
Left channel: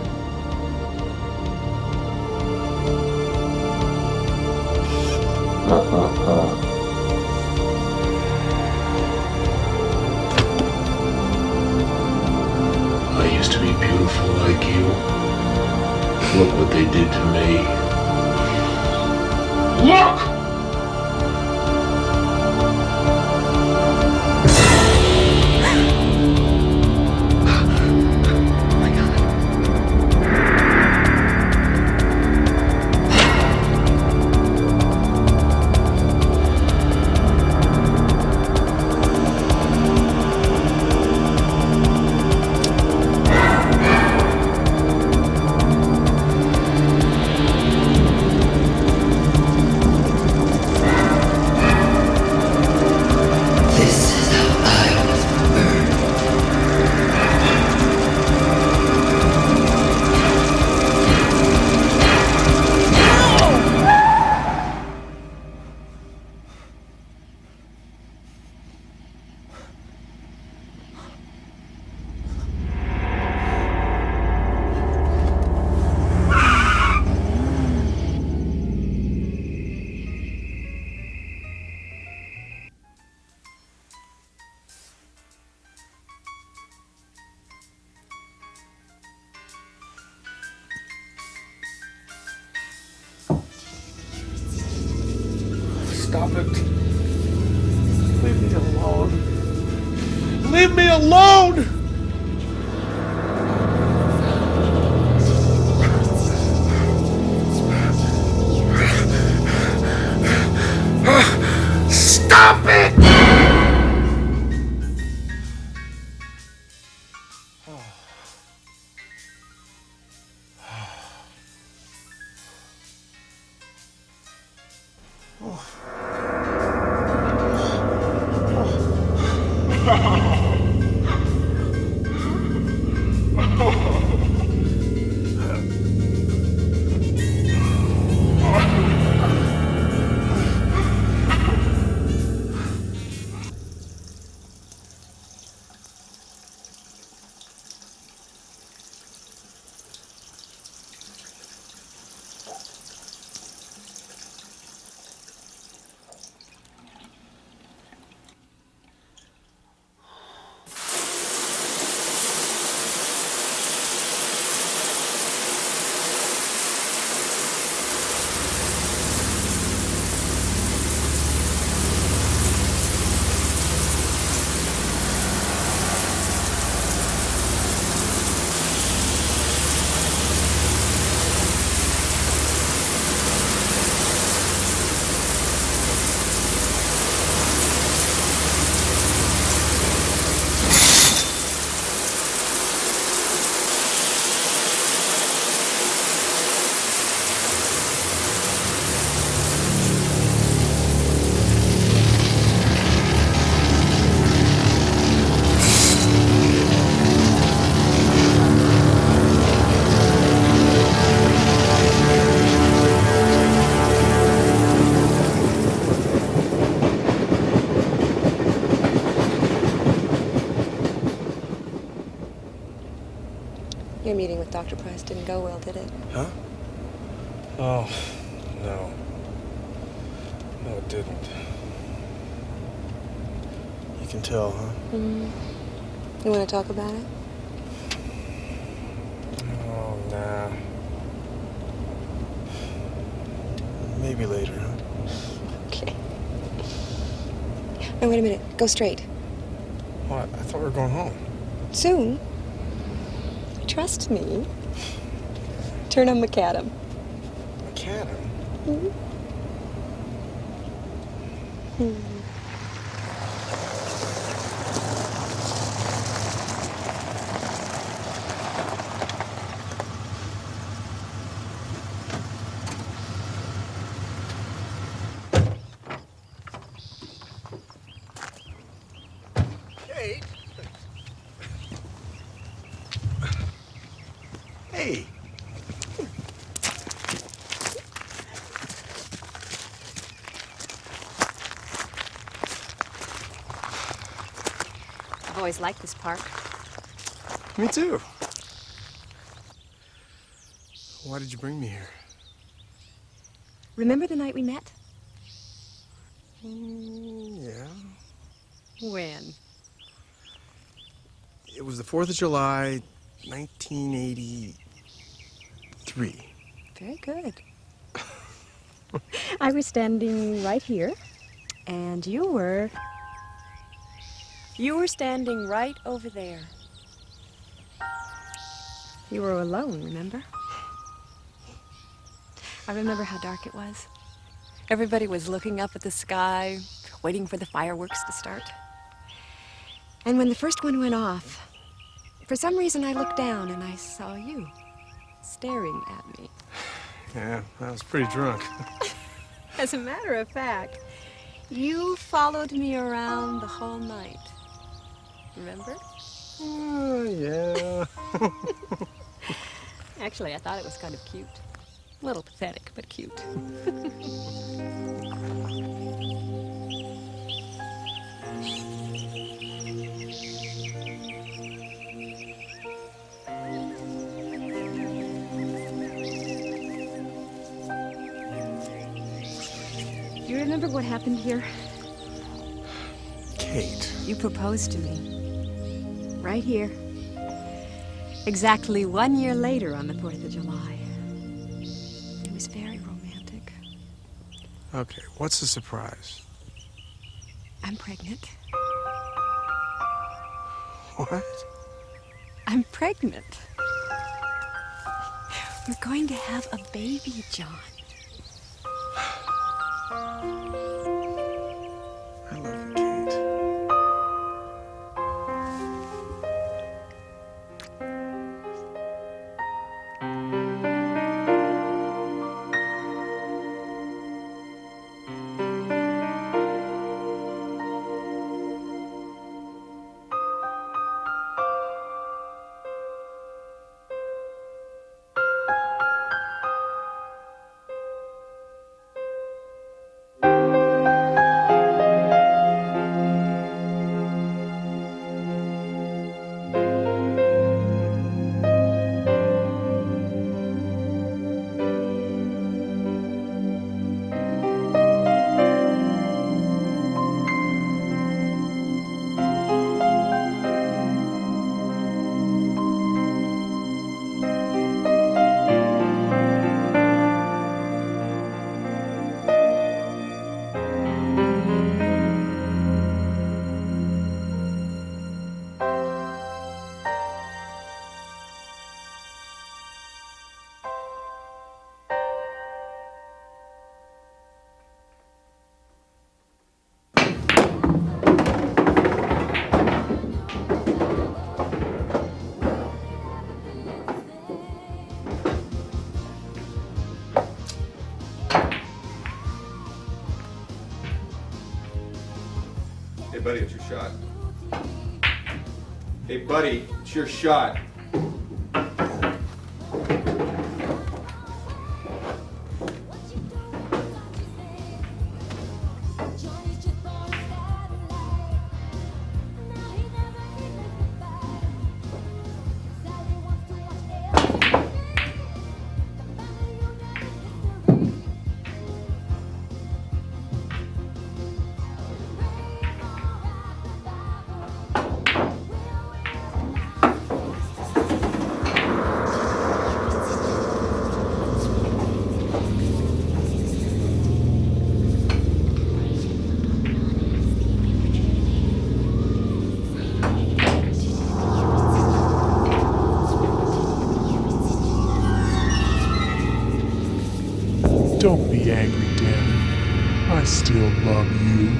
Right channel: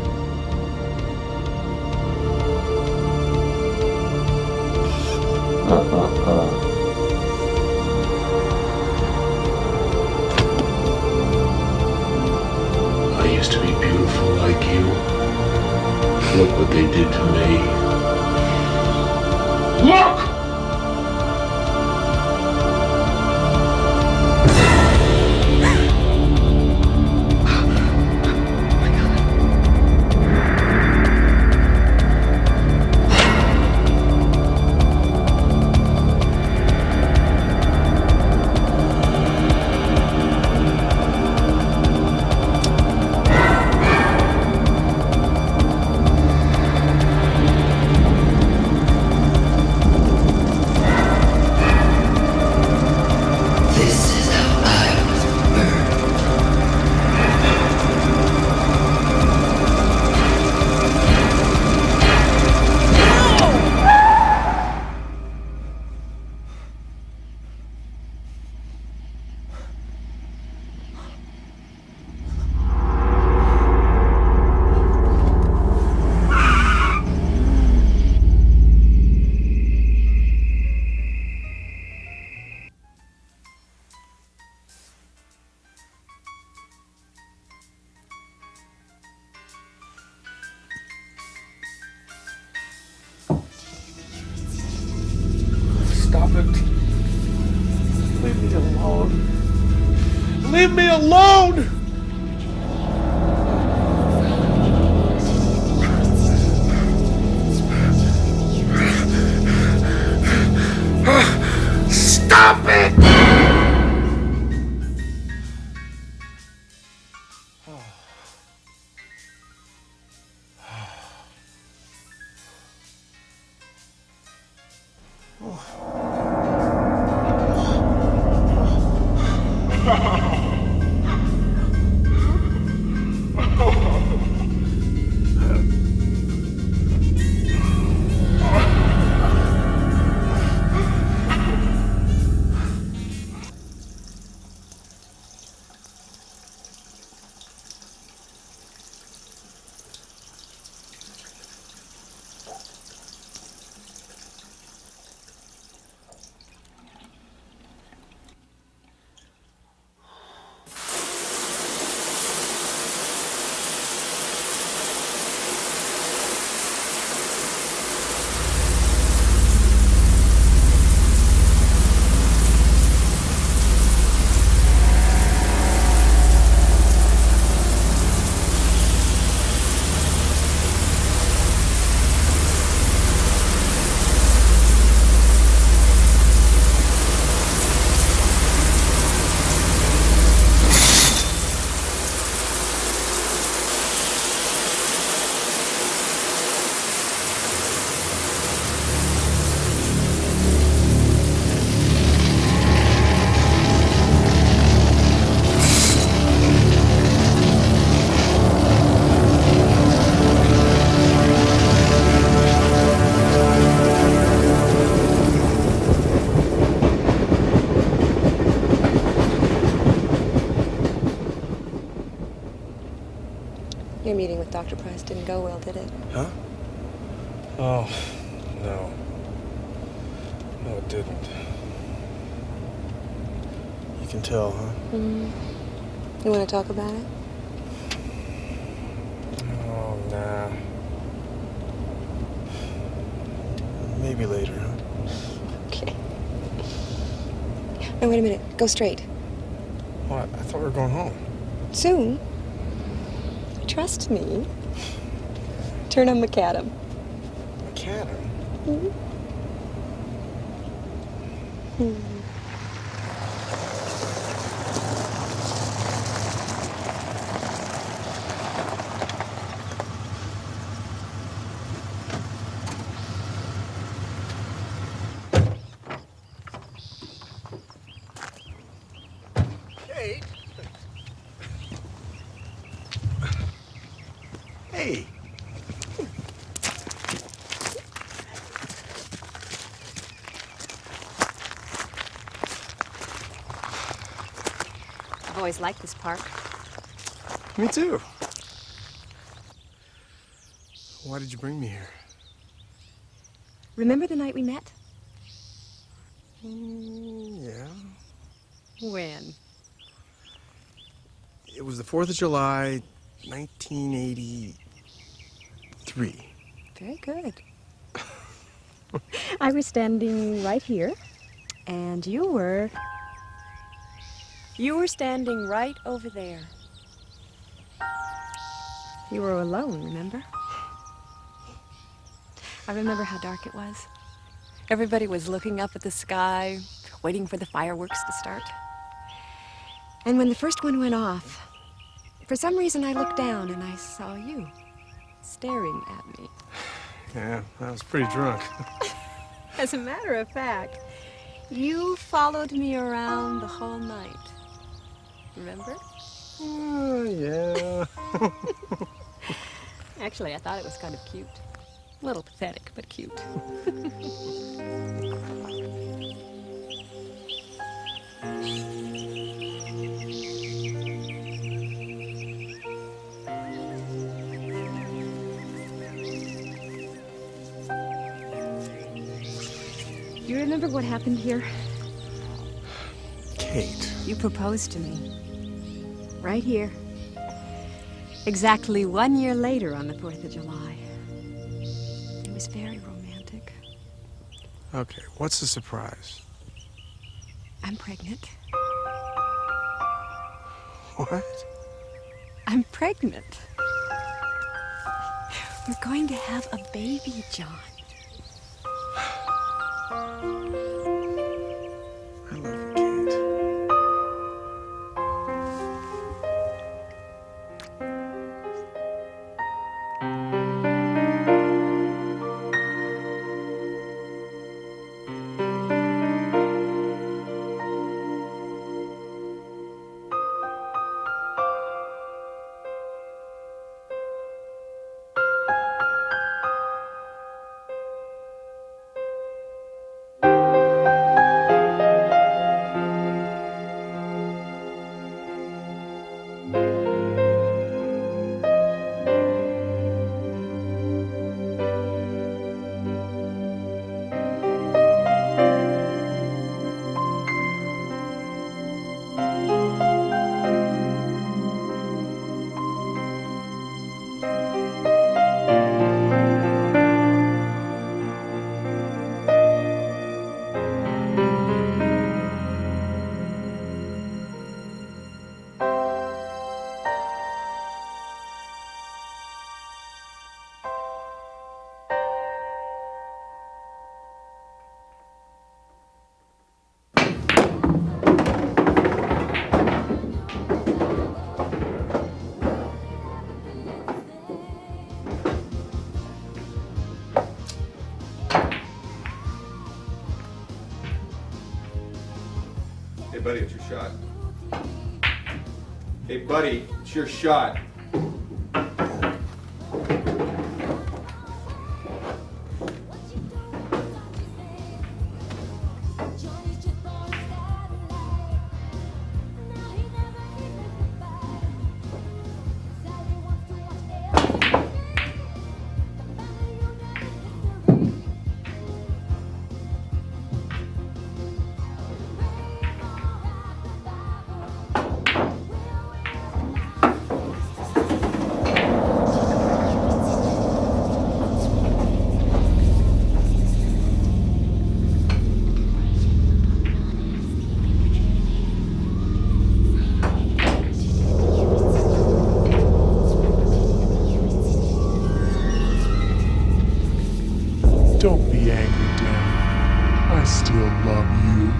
beautiful like you. Look what they did to me. Look! Stop it. Leave me alone. Leave me alone! Stop it! Your meeting with Dr. Price didn't go well, did it? Huh? Oh, no. No, it didn't. You can tell, huh? Mm-hmm. You want to talk about it? Oh, nah. Maybe later, huh? Okay. No, wait a minute. Go straight. What? I thought we were going home. Soon. Trust me. Turn on McAdam. McAdam? Mm-hmm. Mm-hmm. Kate? Hey. I've always liked this park. Me too. Why did you bring me here? Remember the night we met? Yeah. When? It was the 4th of July, 1983. Very good. I was standing right here, and you were standing right over there. You were alone, remember? I remember how dark it was. Everybody was looking up at the sky, waiting for the fireworks to start. And when the first one went off, for some reason I looked down and I saw you staring at me. Yeah, I was pretty drunk. As a matter of fact, you followed me around the whole night. Remember? Yeah. Actually, I thought it was kind of cute. A little pathetic, but cute. You remember what happened here? Kate. You proposed to me. Right here. Exactly 1 year later on the 4th of July. It was very romantic. Okay, what's the surprise? I'm pregnant. What? I'm pregnant. We're going to have a baby, John. I love you, Kate. Hey, buddy, it's your shot. Hey, buddy, it's your shot. Don't be angry, Dan. I still love you.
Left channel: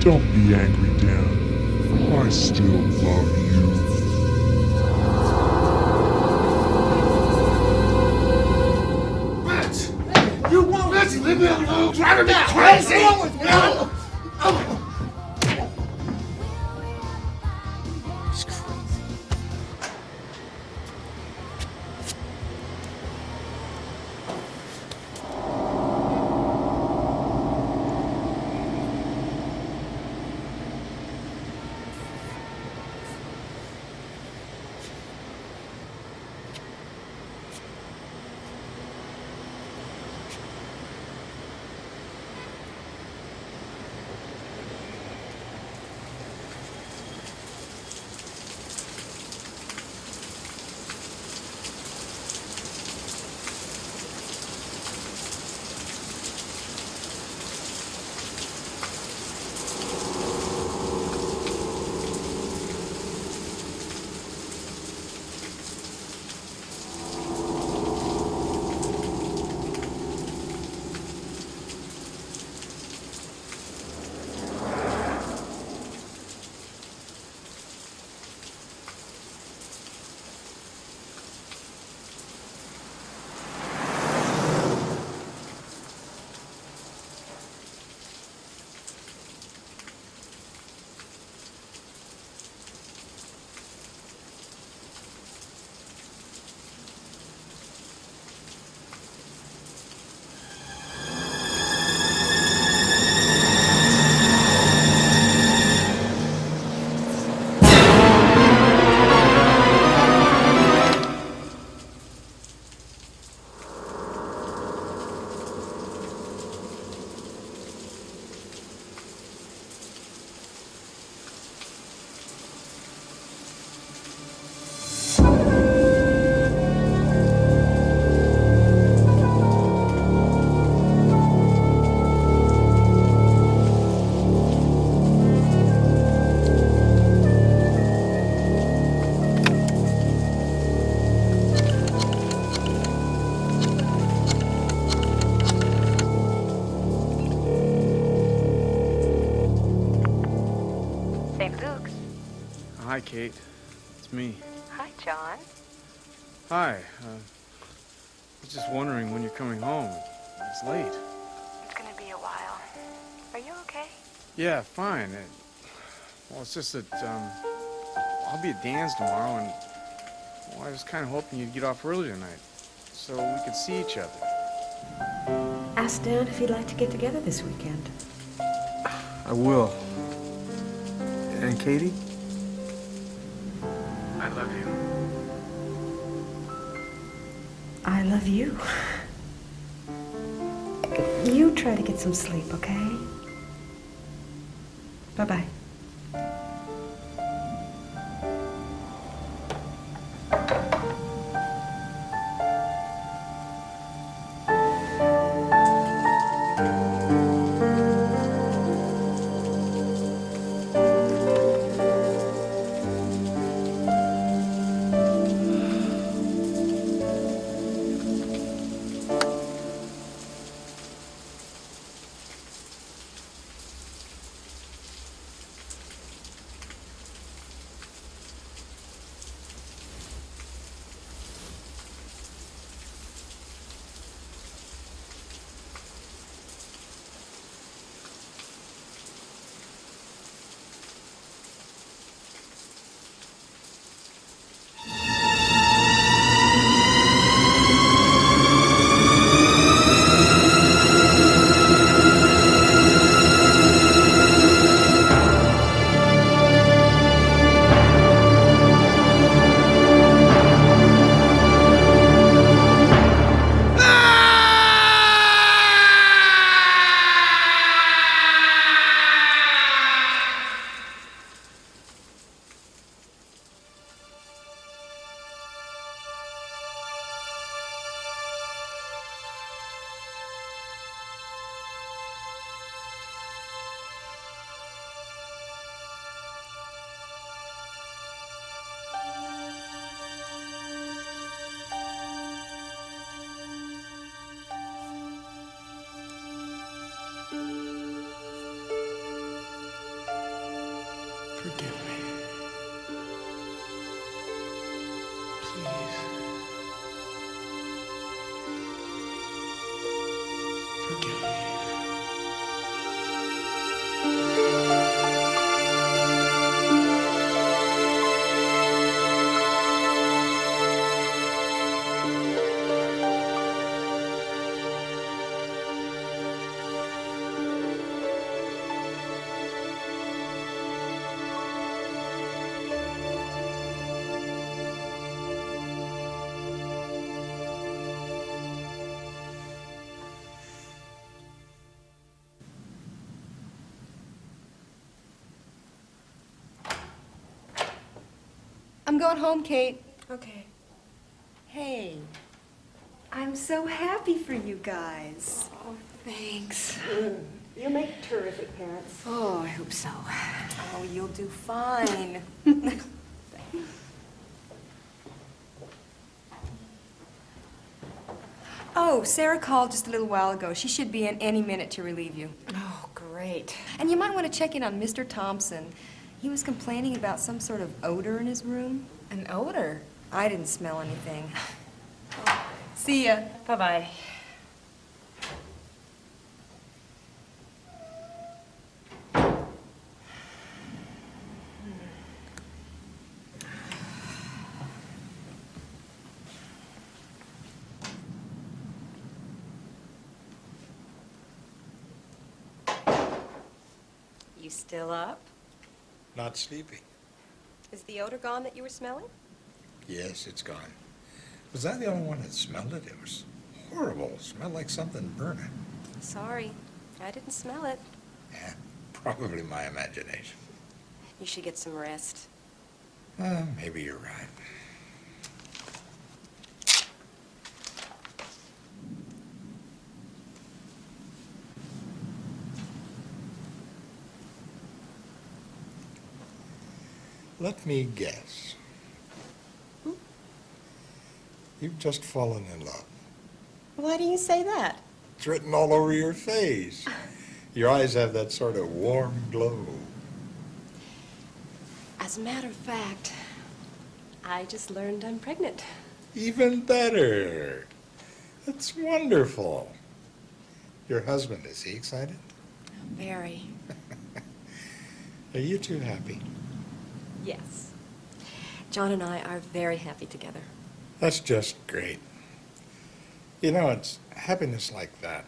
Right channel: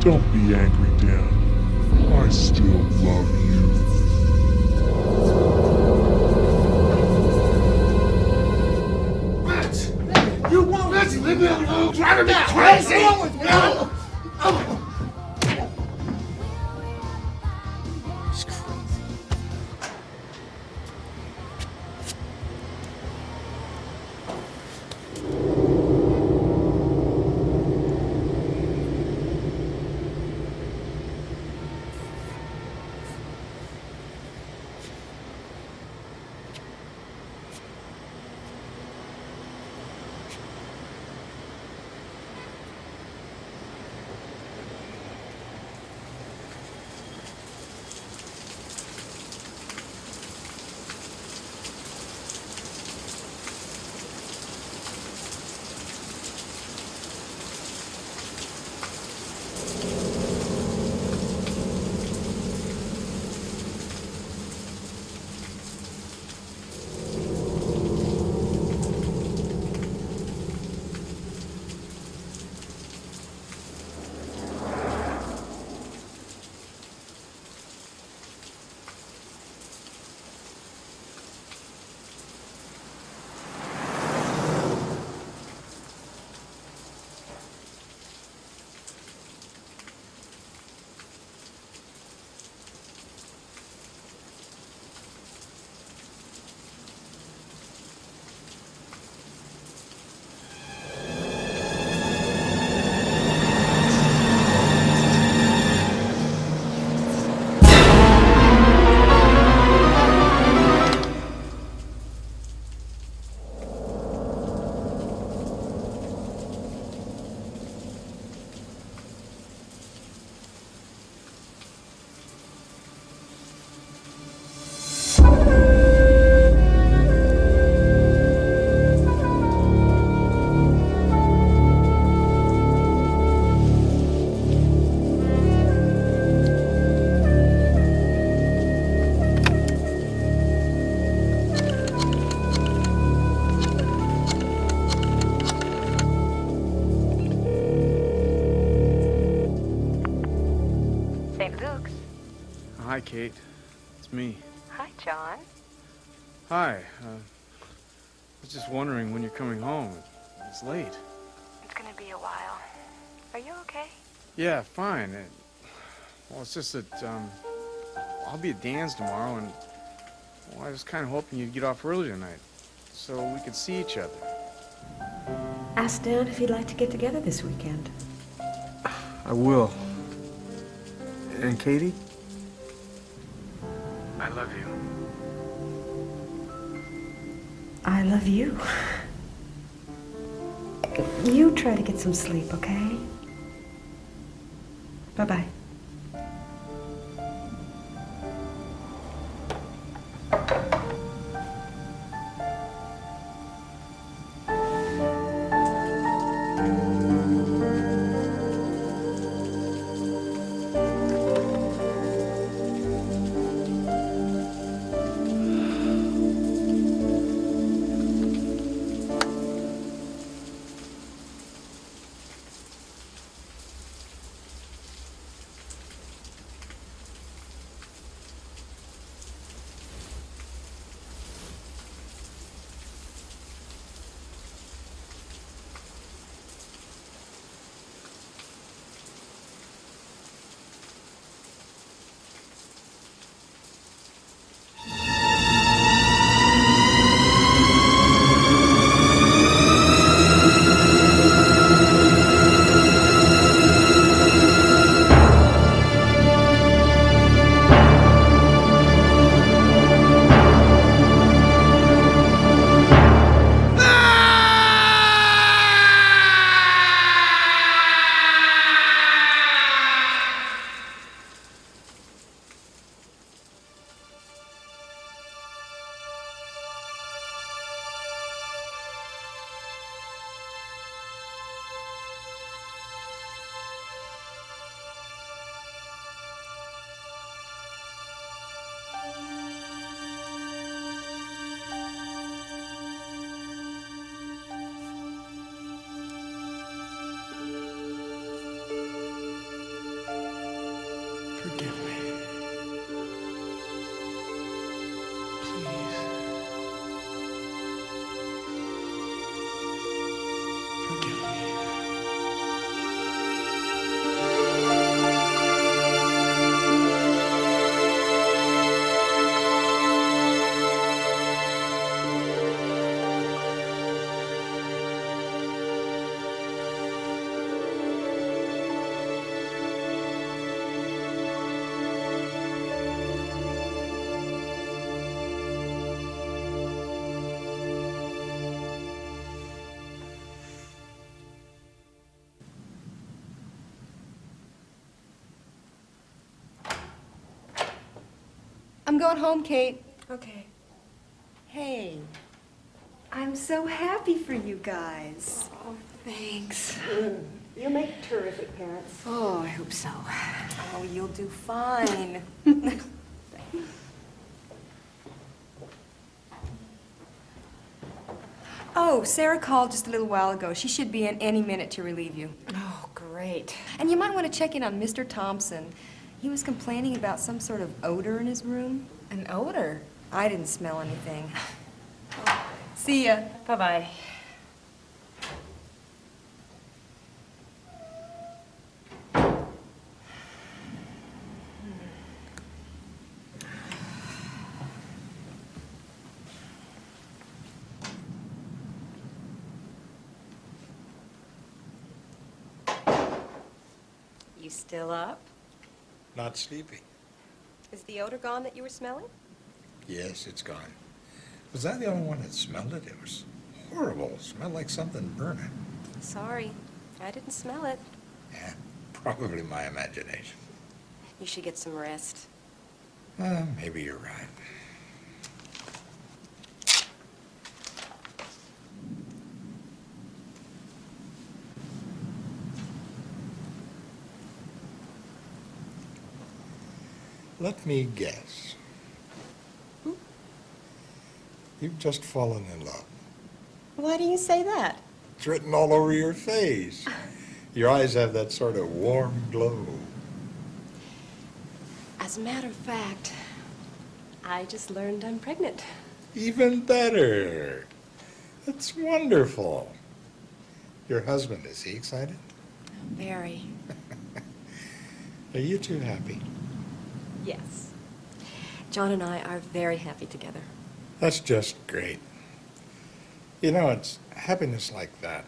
Don't be angry, Dan. I still love you. Vince! You won't Vince, leave me alone! Driving me crazy! What's wrong with you? No! Hi, Kate. It's me. Hi, John. Hi. I was just wondering when you're coming home. It's late. It's gonna be a while. Are you okay? Yeah, fine. Well, it's just that I'll be at Dan's tomorrow, and well, I was kind of hoping you'd get off early tonight so we could see each other. Ask Dan if he'd like to get together this weekend. I will. And Katie? I love you. I love you. You try to get some sleep, okay? Bye-bye. Forgive me. Please. Forgive me. I'm going home, Kate. Okay. Hey, I'm so happy for you guys. Oh, thanks. You'll make terrific parents. Oh, I hope so. Oh, you'll do fine. Oh, Sarah called just a little while ago. She should be in any minute to relieve you. Oh, great. And you might want to check in on Mr. Thompson. He was complaining about some sort of odor in his room. An odor? I didn't smell anything. See ya. Bye-bye. You still up? Not sleepy. Is the odor gone that you were smelling? Yes, it's gone. Was I the only one that smelled it? It was horrible. It smelled like something burning. Sorry, I didn't smell it. Yeah, probably my imagination. You should get some rest. Maybe you're right. Let me guess. You've just fallen in love. Why do you say that? It's written all over your face. Your eyes have that sort of warm glow. As a matter of fact, I just learned I'm pregnant. Even better. That's wonderful. Your husband, is he excited? Very. Are you two happy? Yes. John and I are very happy together. That's just great. You know, it's happiness like that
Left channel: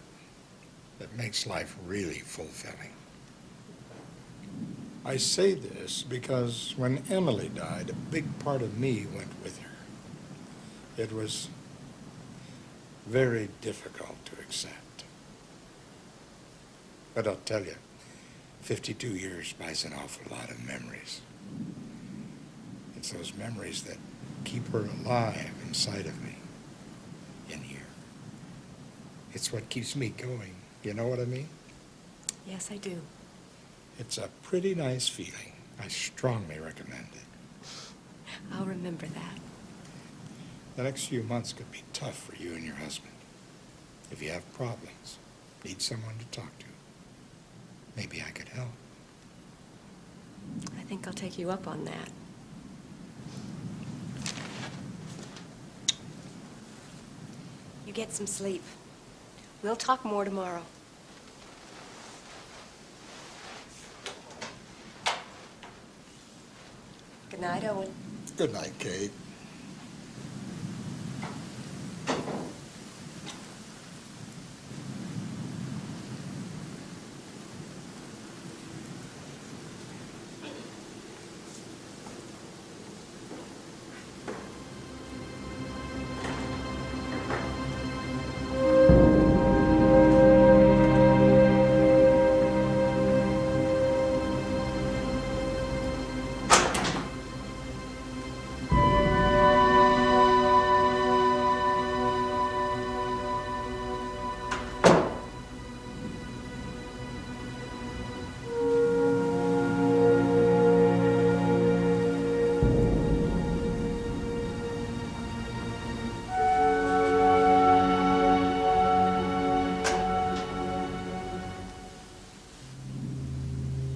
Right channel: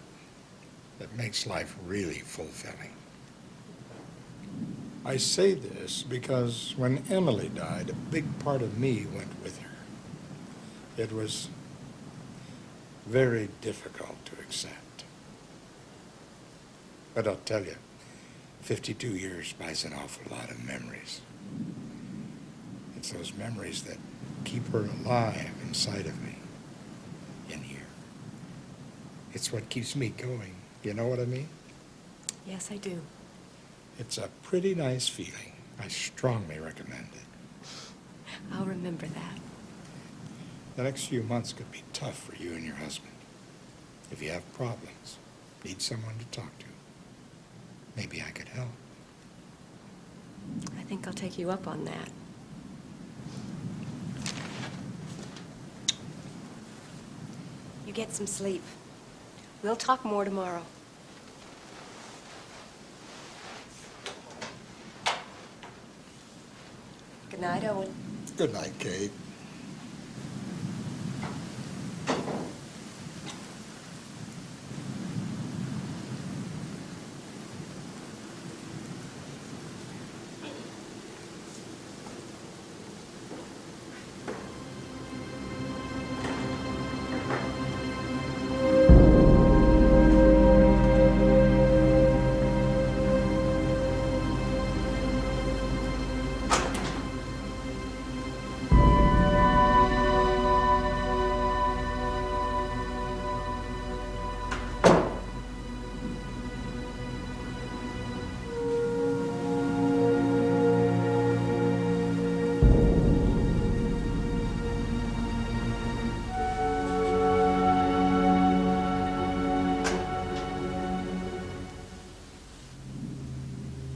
that makes life really fulfilling. I say this because when Emily died, a big part of me went with her. It was very difficult to accept. But I'll tell you, 52 years buys an awful lot of memories. It's those memories that keep her alive inside of me, in here. It's what keeps me going. You know what I mean? Yes, I do. It's a pretty nice feeling. I strongly recommend it. I'll remember that. The next few months could be tough for you and your husband. If you have problems, need someone to talk to, maybe I could help. I think I'll take you up on that. You get some sleep. We'll talk more tomorrow. Good night, Owen. Good night, Kate.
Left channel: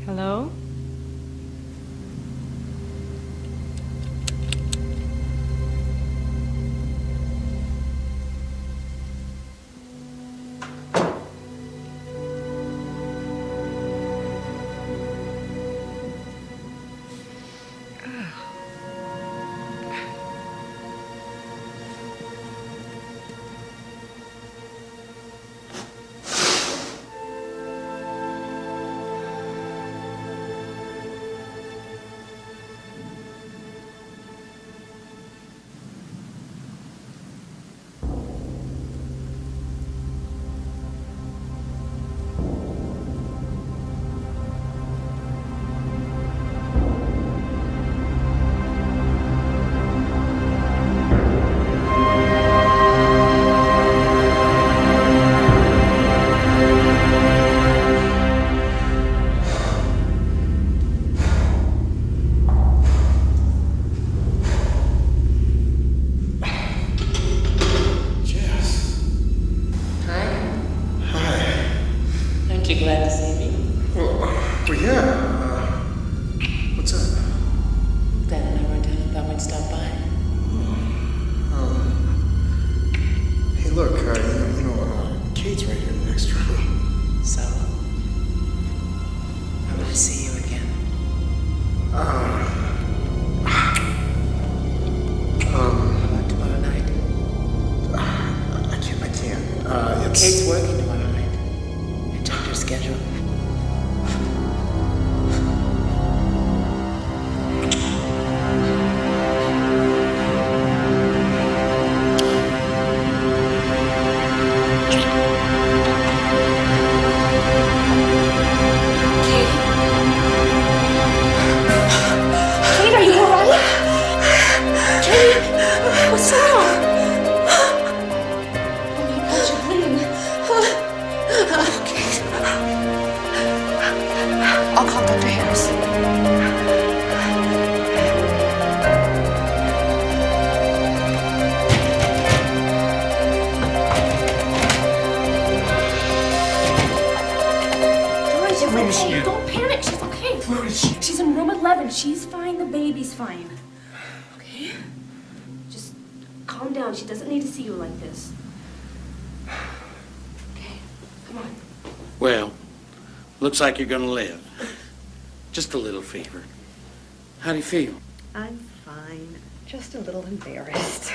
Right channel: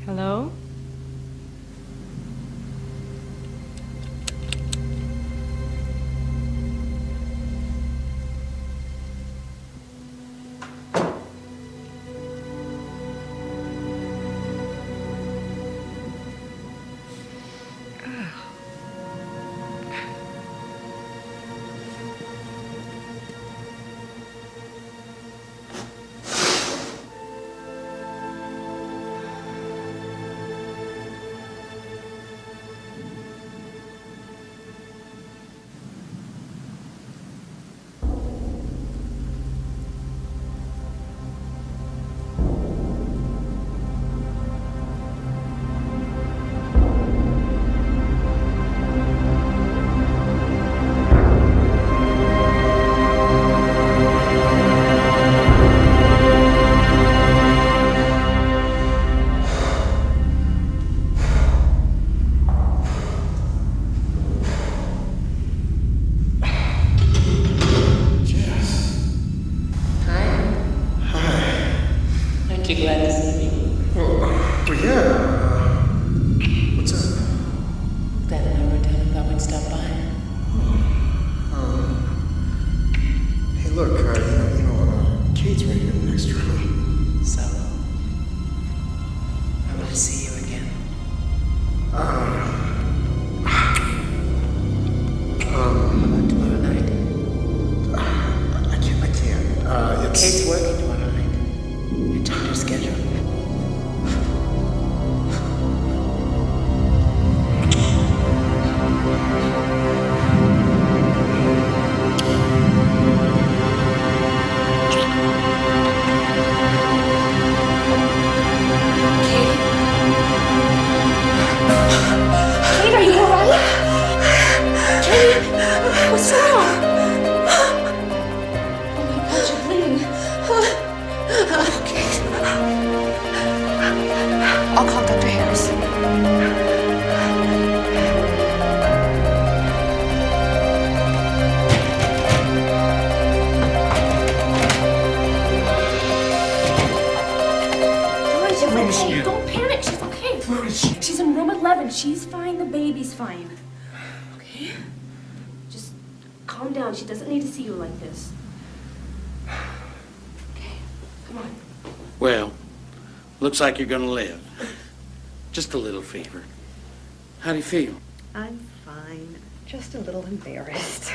Hello? Aren't you glad to see me? Well, yeah. What's up? Dad and I were in town and thought we'd stop by. Hey, look, Kate's right here in the next room. So? I want to see you again. How about tomorrow night? I can't. It's... Kate's working tomorrow night. You checked her schedule. Kate, are you all right? Kate, what's wrong? Oh my God, you're bleeding. Kate. I'll call Dr. Harris. Doris, you're okay. Don't panic. She's okay. Where is she? She's in room 11. She's fine. The baby's fine. Okay? Just calm down. She doesn't need to see you like this. Okay, come on. Well, looks like you're gonna live. Just a little fever. How do you feel? I'm fine. Just a little embarrassed.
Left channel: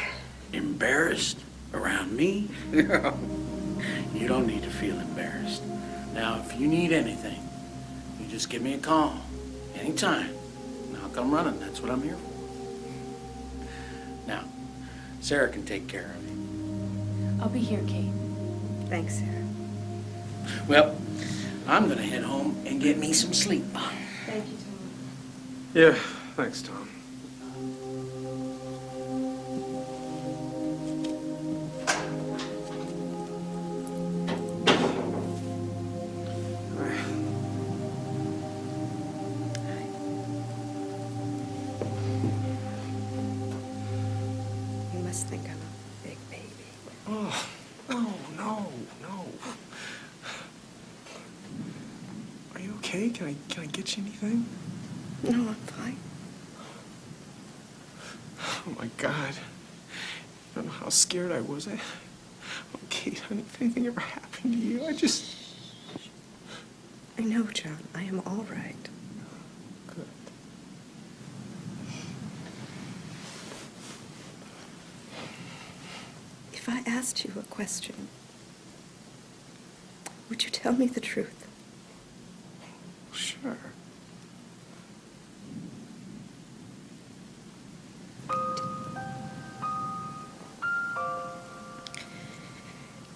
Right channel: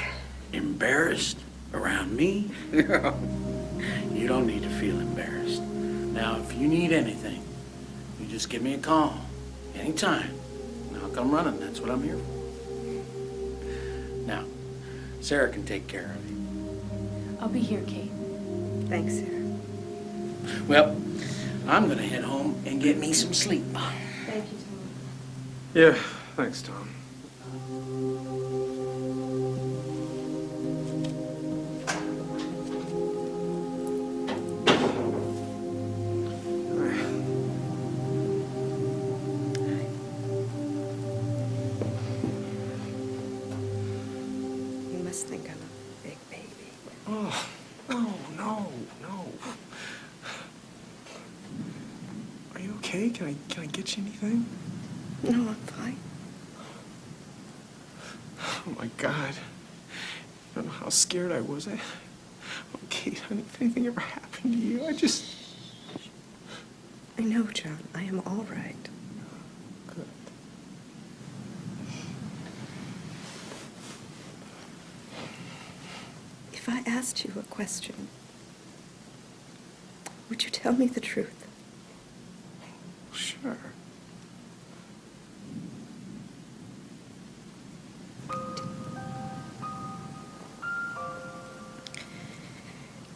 Embarrassed? Around me? You don't need to feel embarrassed. Now, if you need anything, you just give me a call. Anytime. And I'll come running. That's what I'm here for. Now, Sarah can take care of you. I'll be here, Kate. Thanks, Sarah. Well, I'm gonna head home and get me some sleep. Thank you, Tom. Yeah, thanks, Tom. You must think I'm a big baby. Oh, no. Are you okay? Can I get you anything? No, I'm fine. Oh my God. You don't know how scared I was. Oh, Kate, honey, if anything ever happened to you, I know, John. I am all right. Good. If I asked you a question, would you tell me the truth? Sure.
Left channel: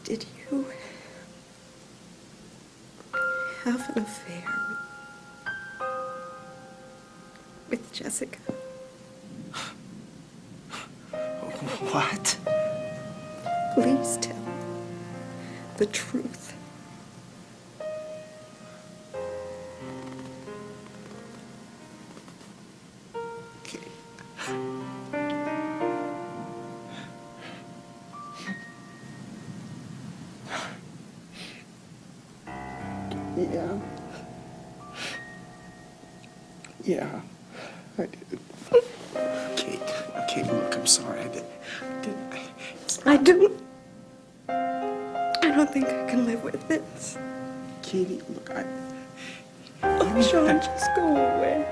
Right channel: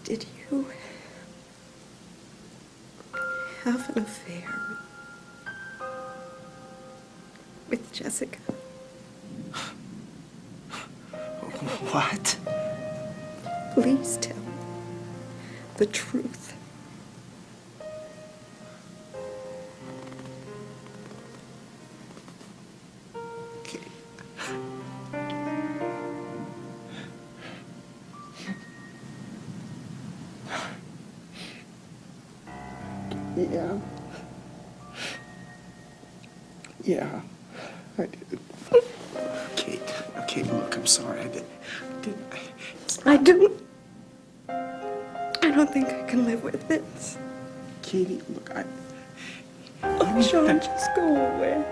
Did you have an affair with Jessica? What? Please tell me the truth. Yeah, I did. Kate, look, I'm sorry. I don't think I can live with this. Katie, look, Oh, Sean, just go away.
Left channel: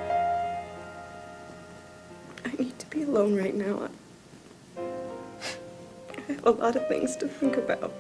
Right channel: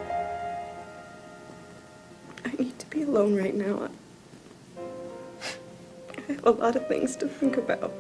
I need to be alone right now. I have a lot of things to think about.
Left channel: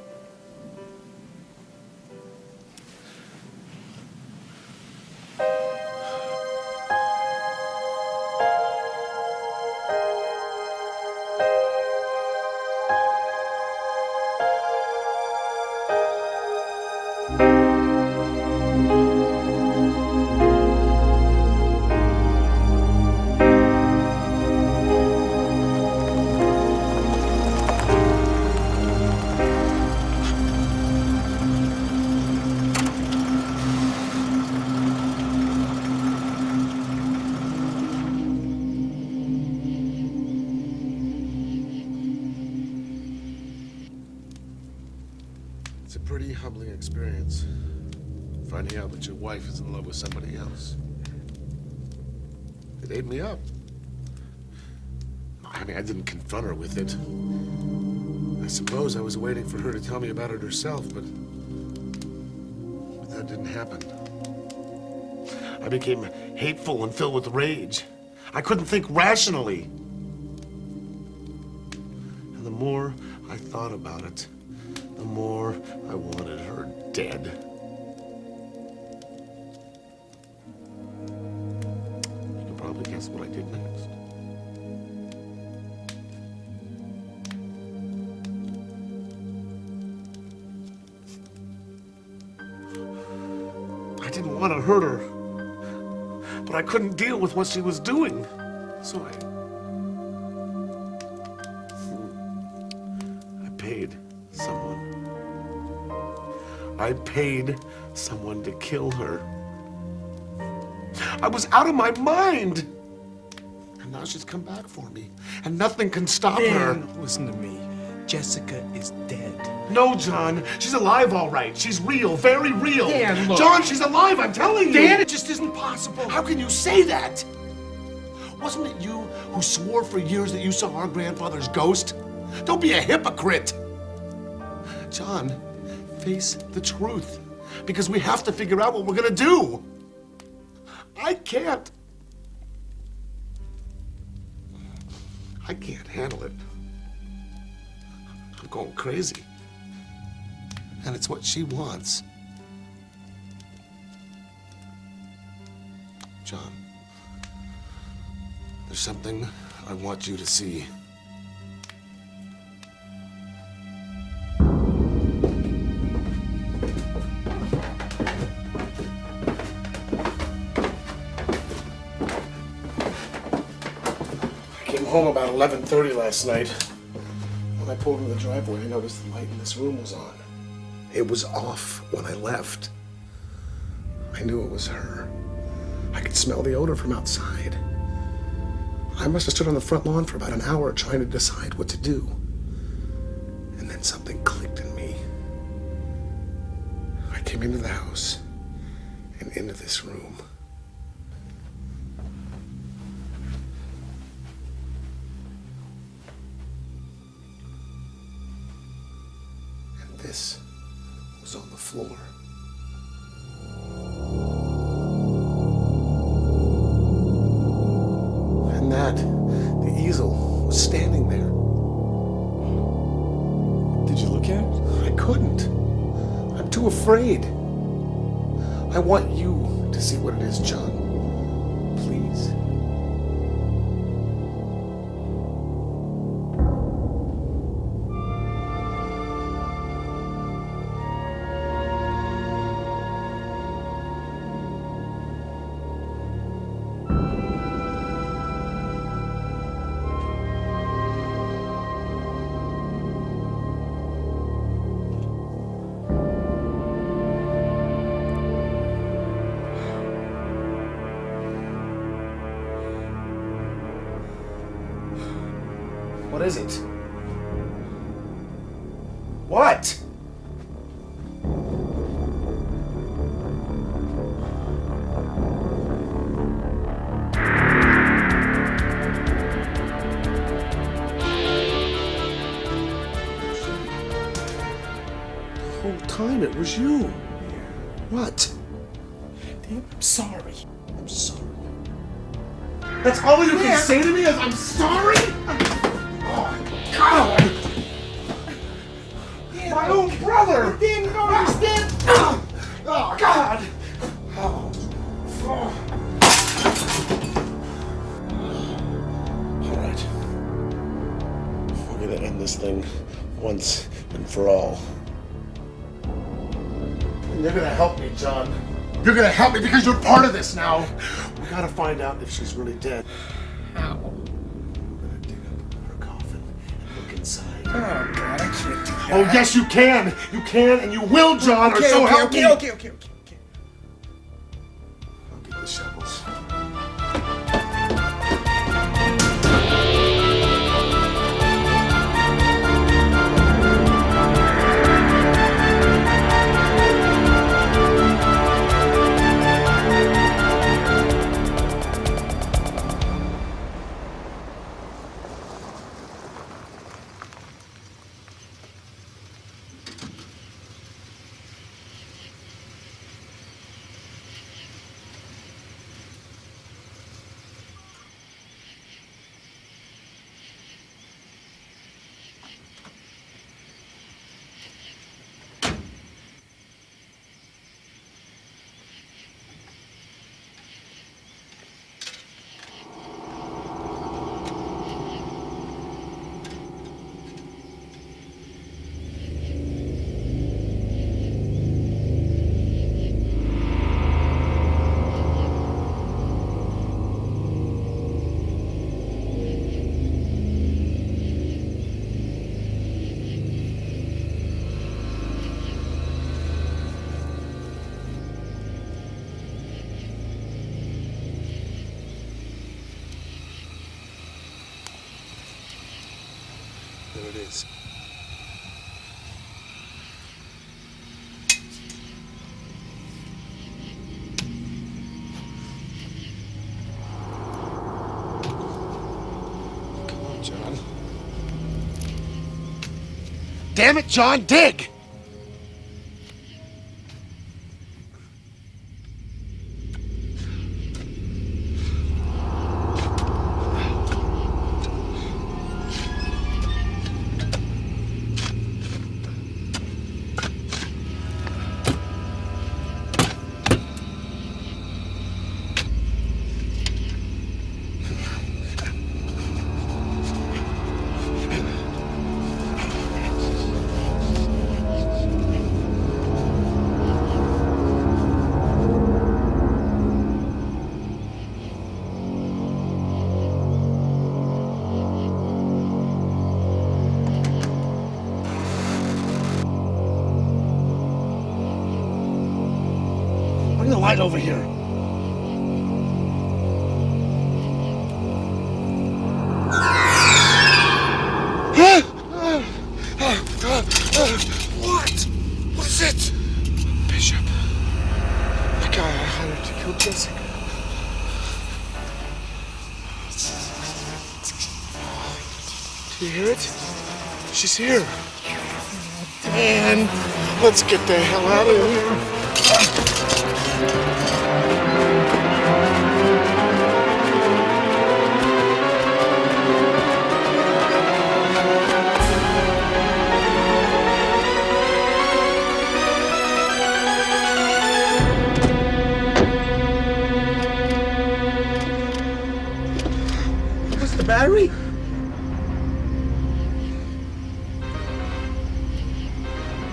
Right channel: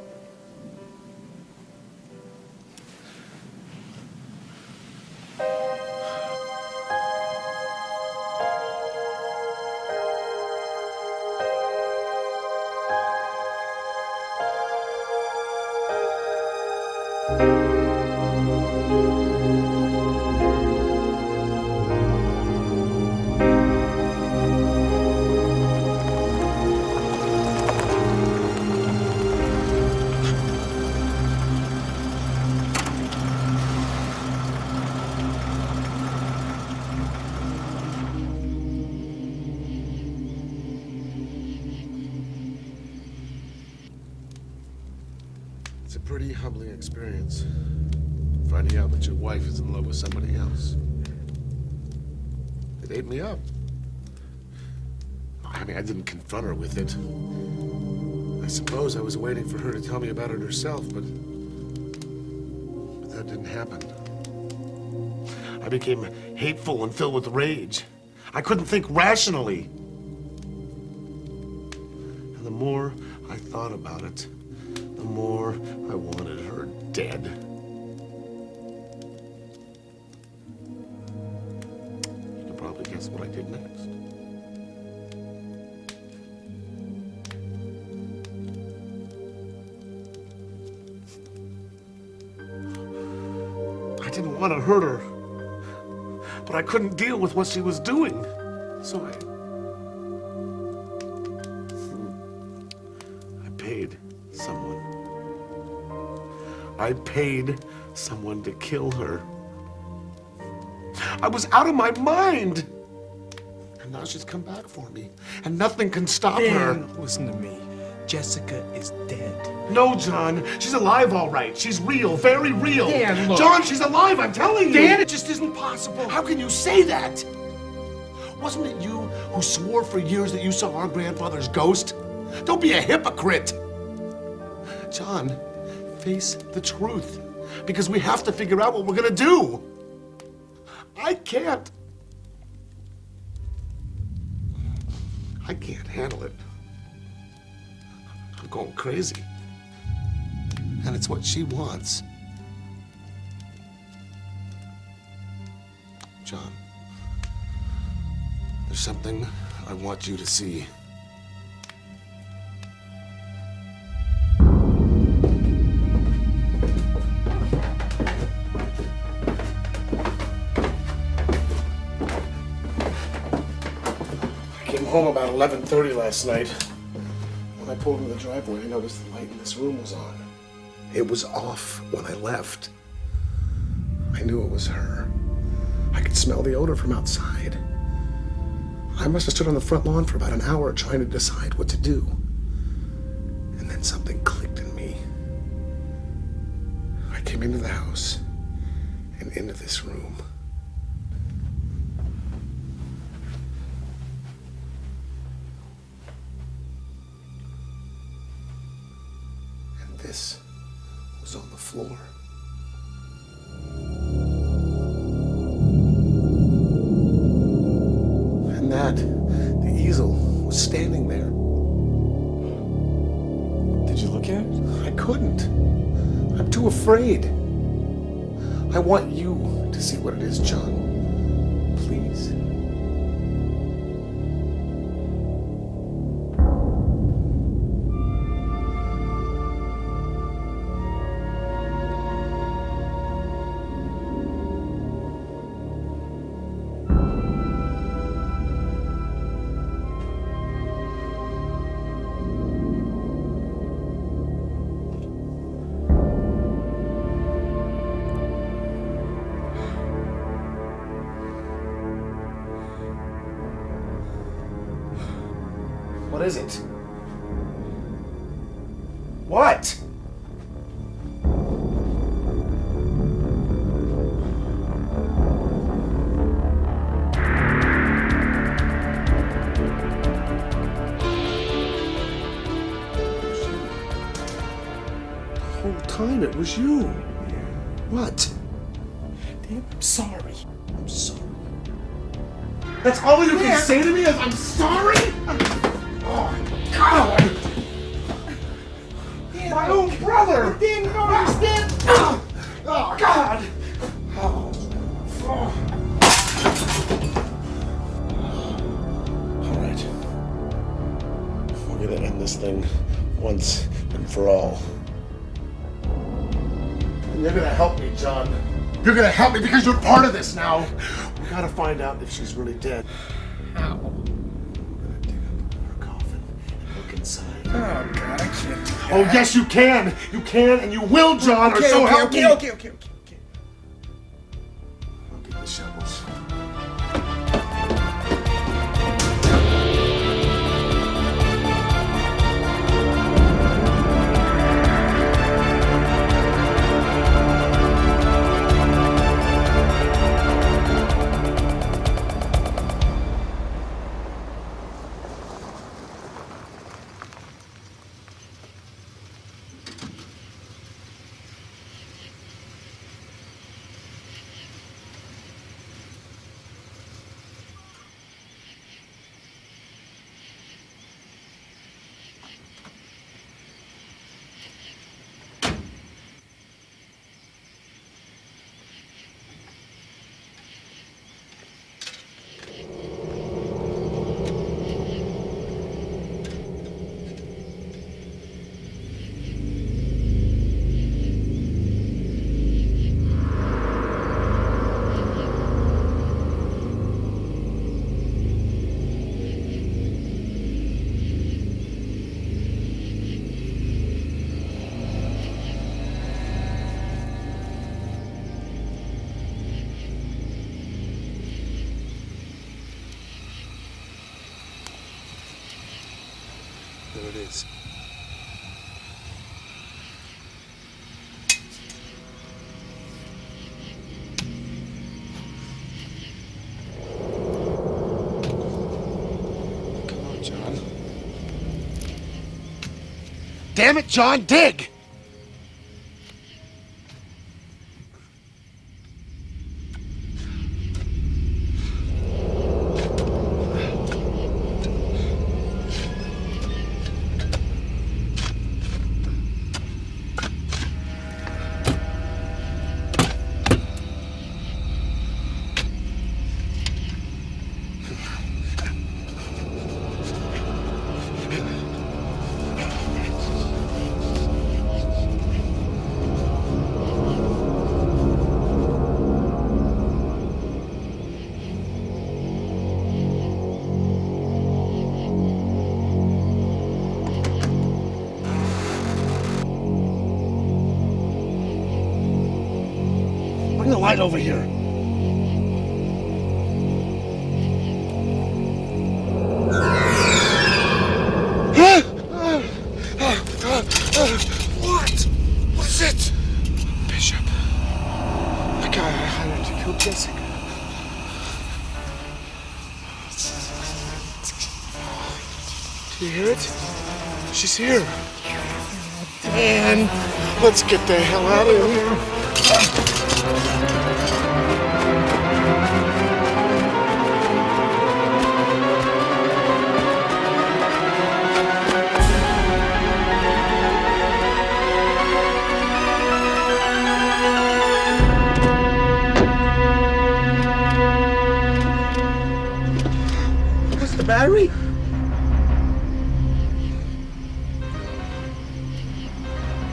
It's a pretty humbling experience, finding out that your wife is in love with somebody else. It ate me up. I mean, I didn't confront her with it. I suppose I was waiting for her to tell me about it herself, but that didn't happen. I became hateful and filled with rage. I couldn't think rationally. And the more I thought about it, the more I wanted her dead. You can probably guess what I did next. I didn't want to hurt her, but I couldn't deal with what she was doing. So I paid someone. I paid someone to kill her. I was out of my mind. And now she's come back for me. And nothing can stop her. Listen to me. Jessica is dead. No, John. She's alive, all right. She's real, very real. Dan, look. John, she's alive, I'm telling you. Dan, it just isn't possible. How can you say that? Wasn't it you who swore for years that you saw our grandfather's ghost? Don't be a hypocrite. John, face the truth. Because we have to figure out what we're gonna do. I can't handle it. I'm going crazy. And it's what she wants. John, there's something I want you to see. I came home about 11:30 last night. When I pulled into the driveway, I noticed the light in this room was on. It was off when I left. I knew it was her. I could smell the odor from outside. I must have stood on the front lawn for about an hour trying to decide what to do. And then something clicked in me. I came into the house and into this room. And this was on the floor. And that, the easel, was standing there. Did you look at it? I couldn't. I'm too afraid. I want you to see what it is, John. Please. What is it? What? The whole time it was you. What? Dan, I'm sorry. I'm sorry. That's all you can say to me is I'm sorry? Oh, God! My own brother! Dan, you don't understand! Oh, God! Oh. All right. We're gonna end this thing once and for all. And you're gonna help me, John. You're gonna help me because you're part of this now. We gotta find out if she's really dead. How? Inside. Oh, God, I can't do that. Oh, yes, you can. You can and you will, John, or so help me. Okay. I'll get the shovels. There it is. Damn it, John, dig! Bring the light over here. What? What is it? Bishop. The guy I hired to kill Jessica. Do you hear it? She's here. Dan, let's get the hell out of here. What's the battery?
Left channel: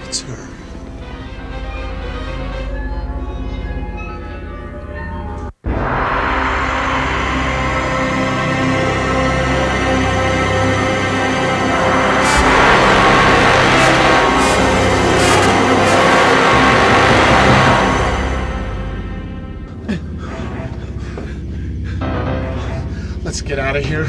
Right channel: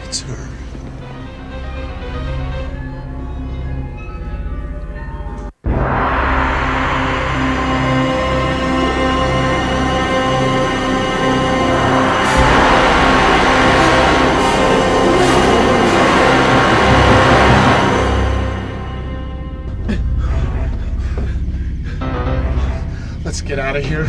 It's her. Let's get out of here.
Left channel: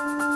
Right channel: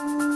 Bye.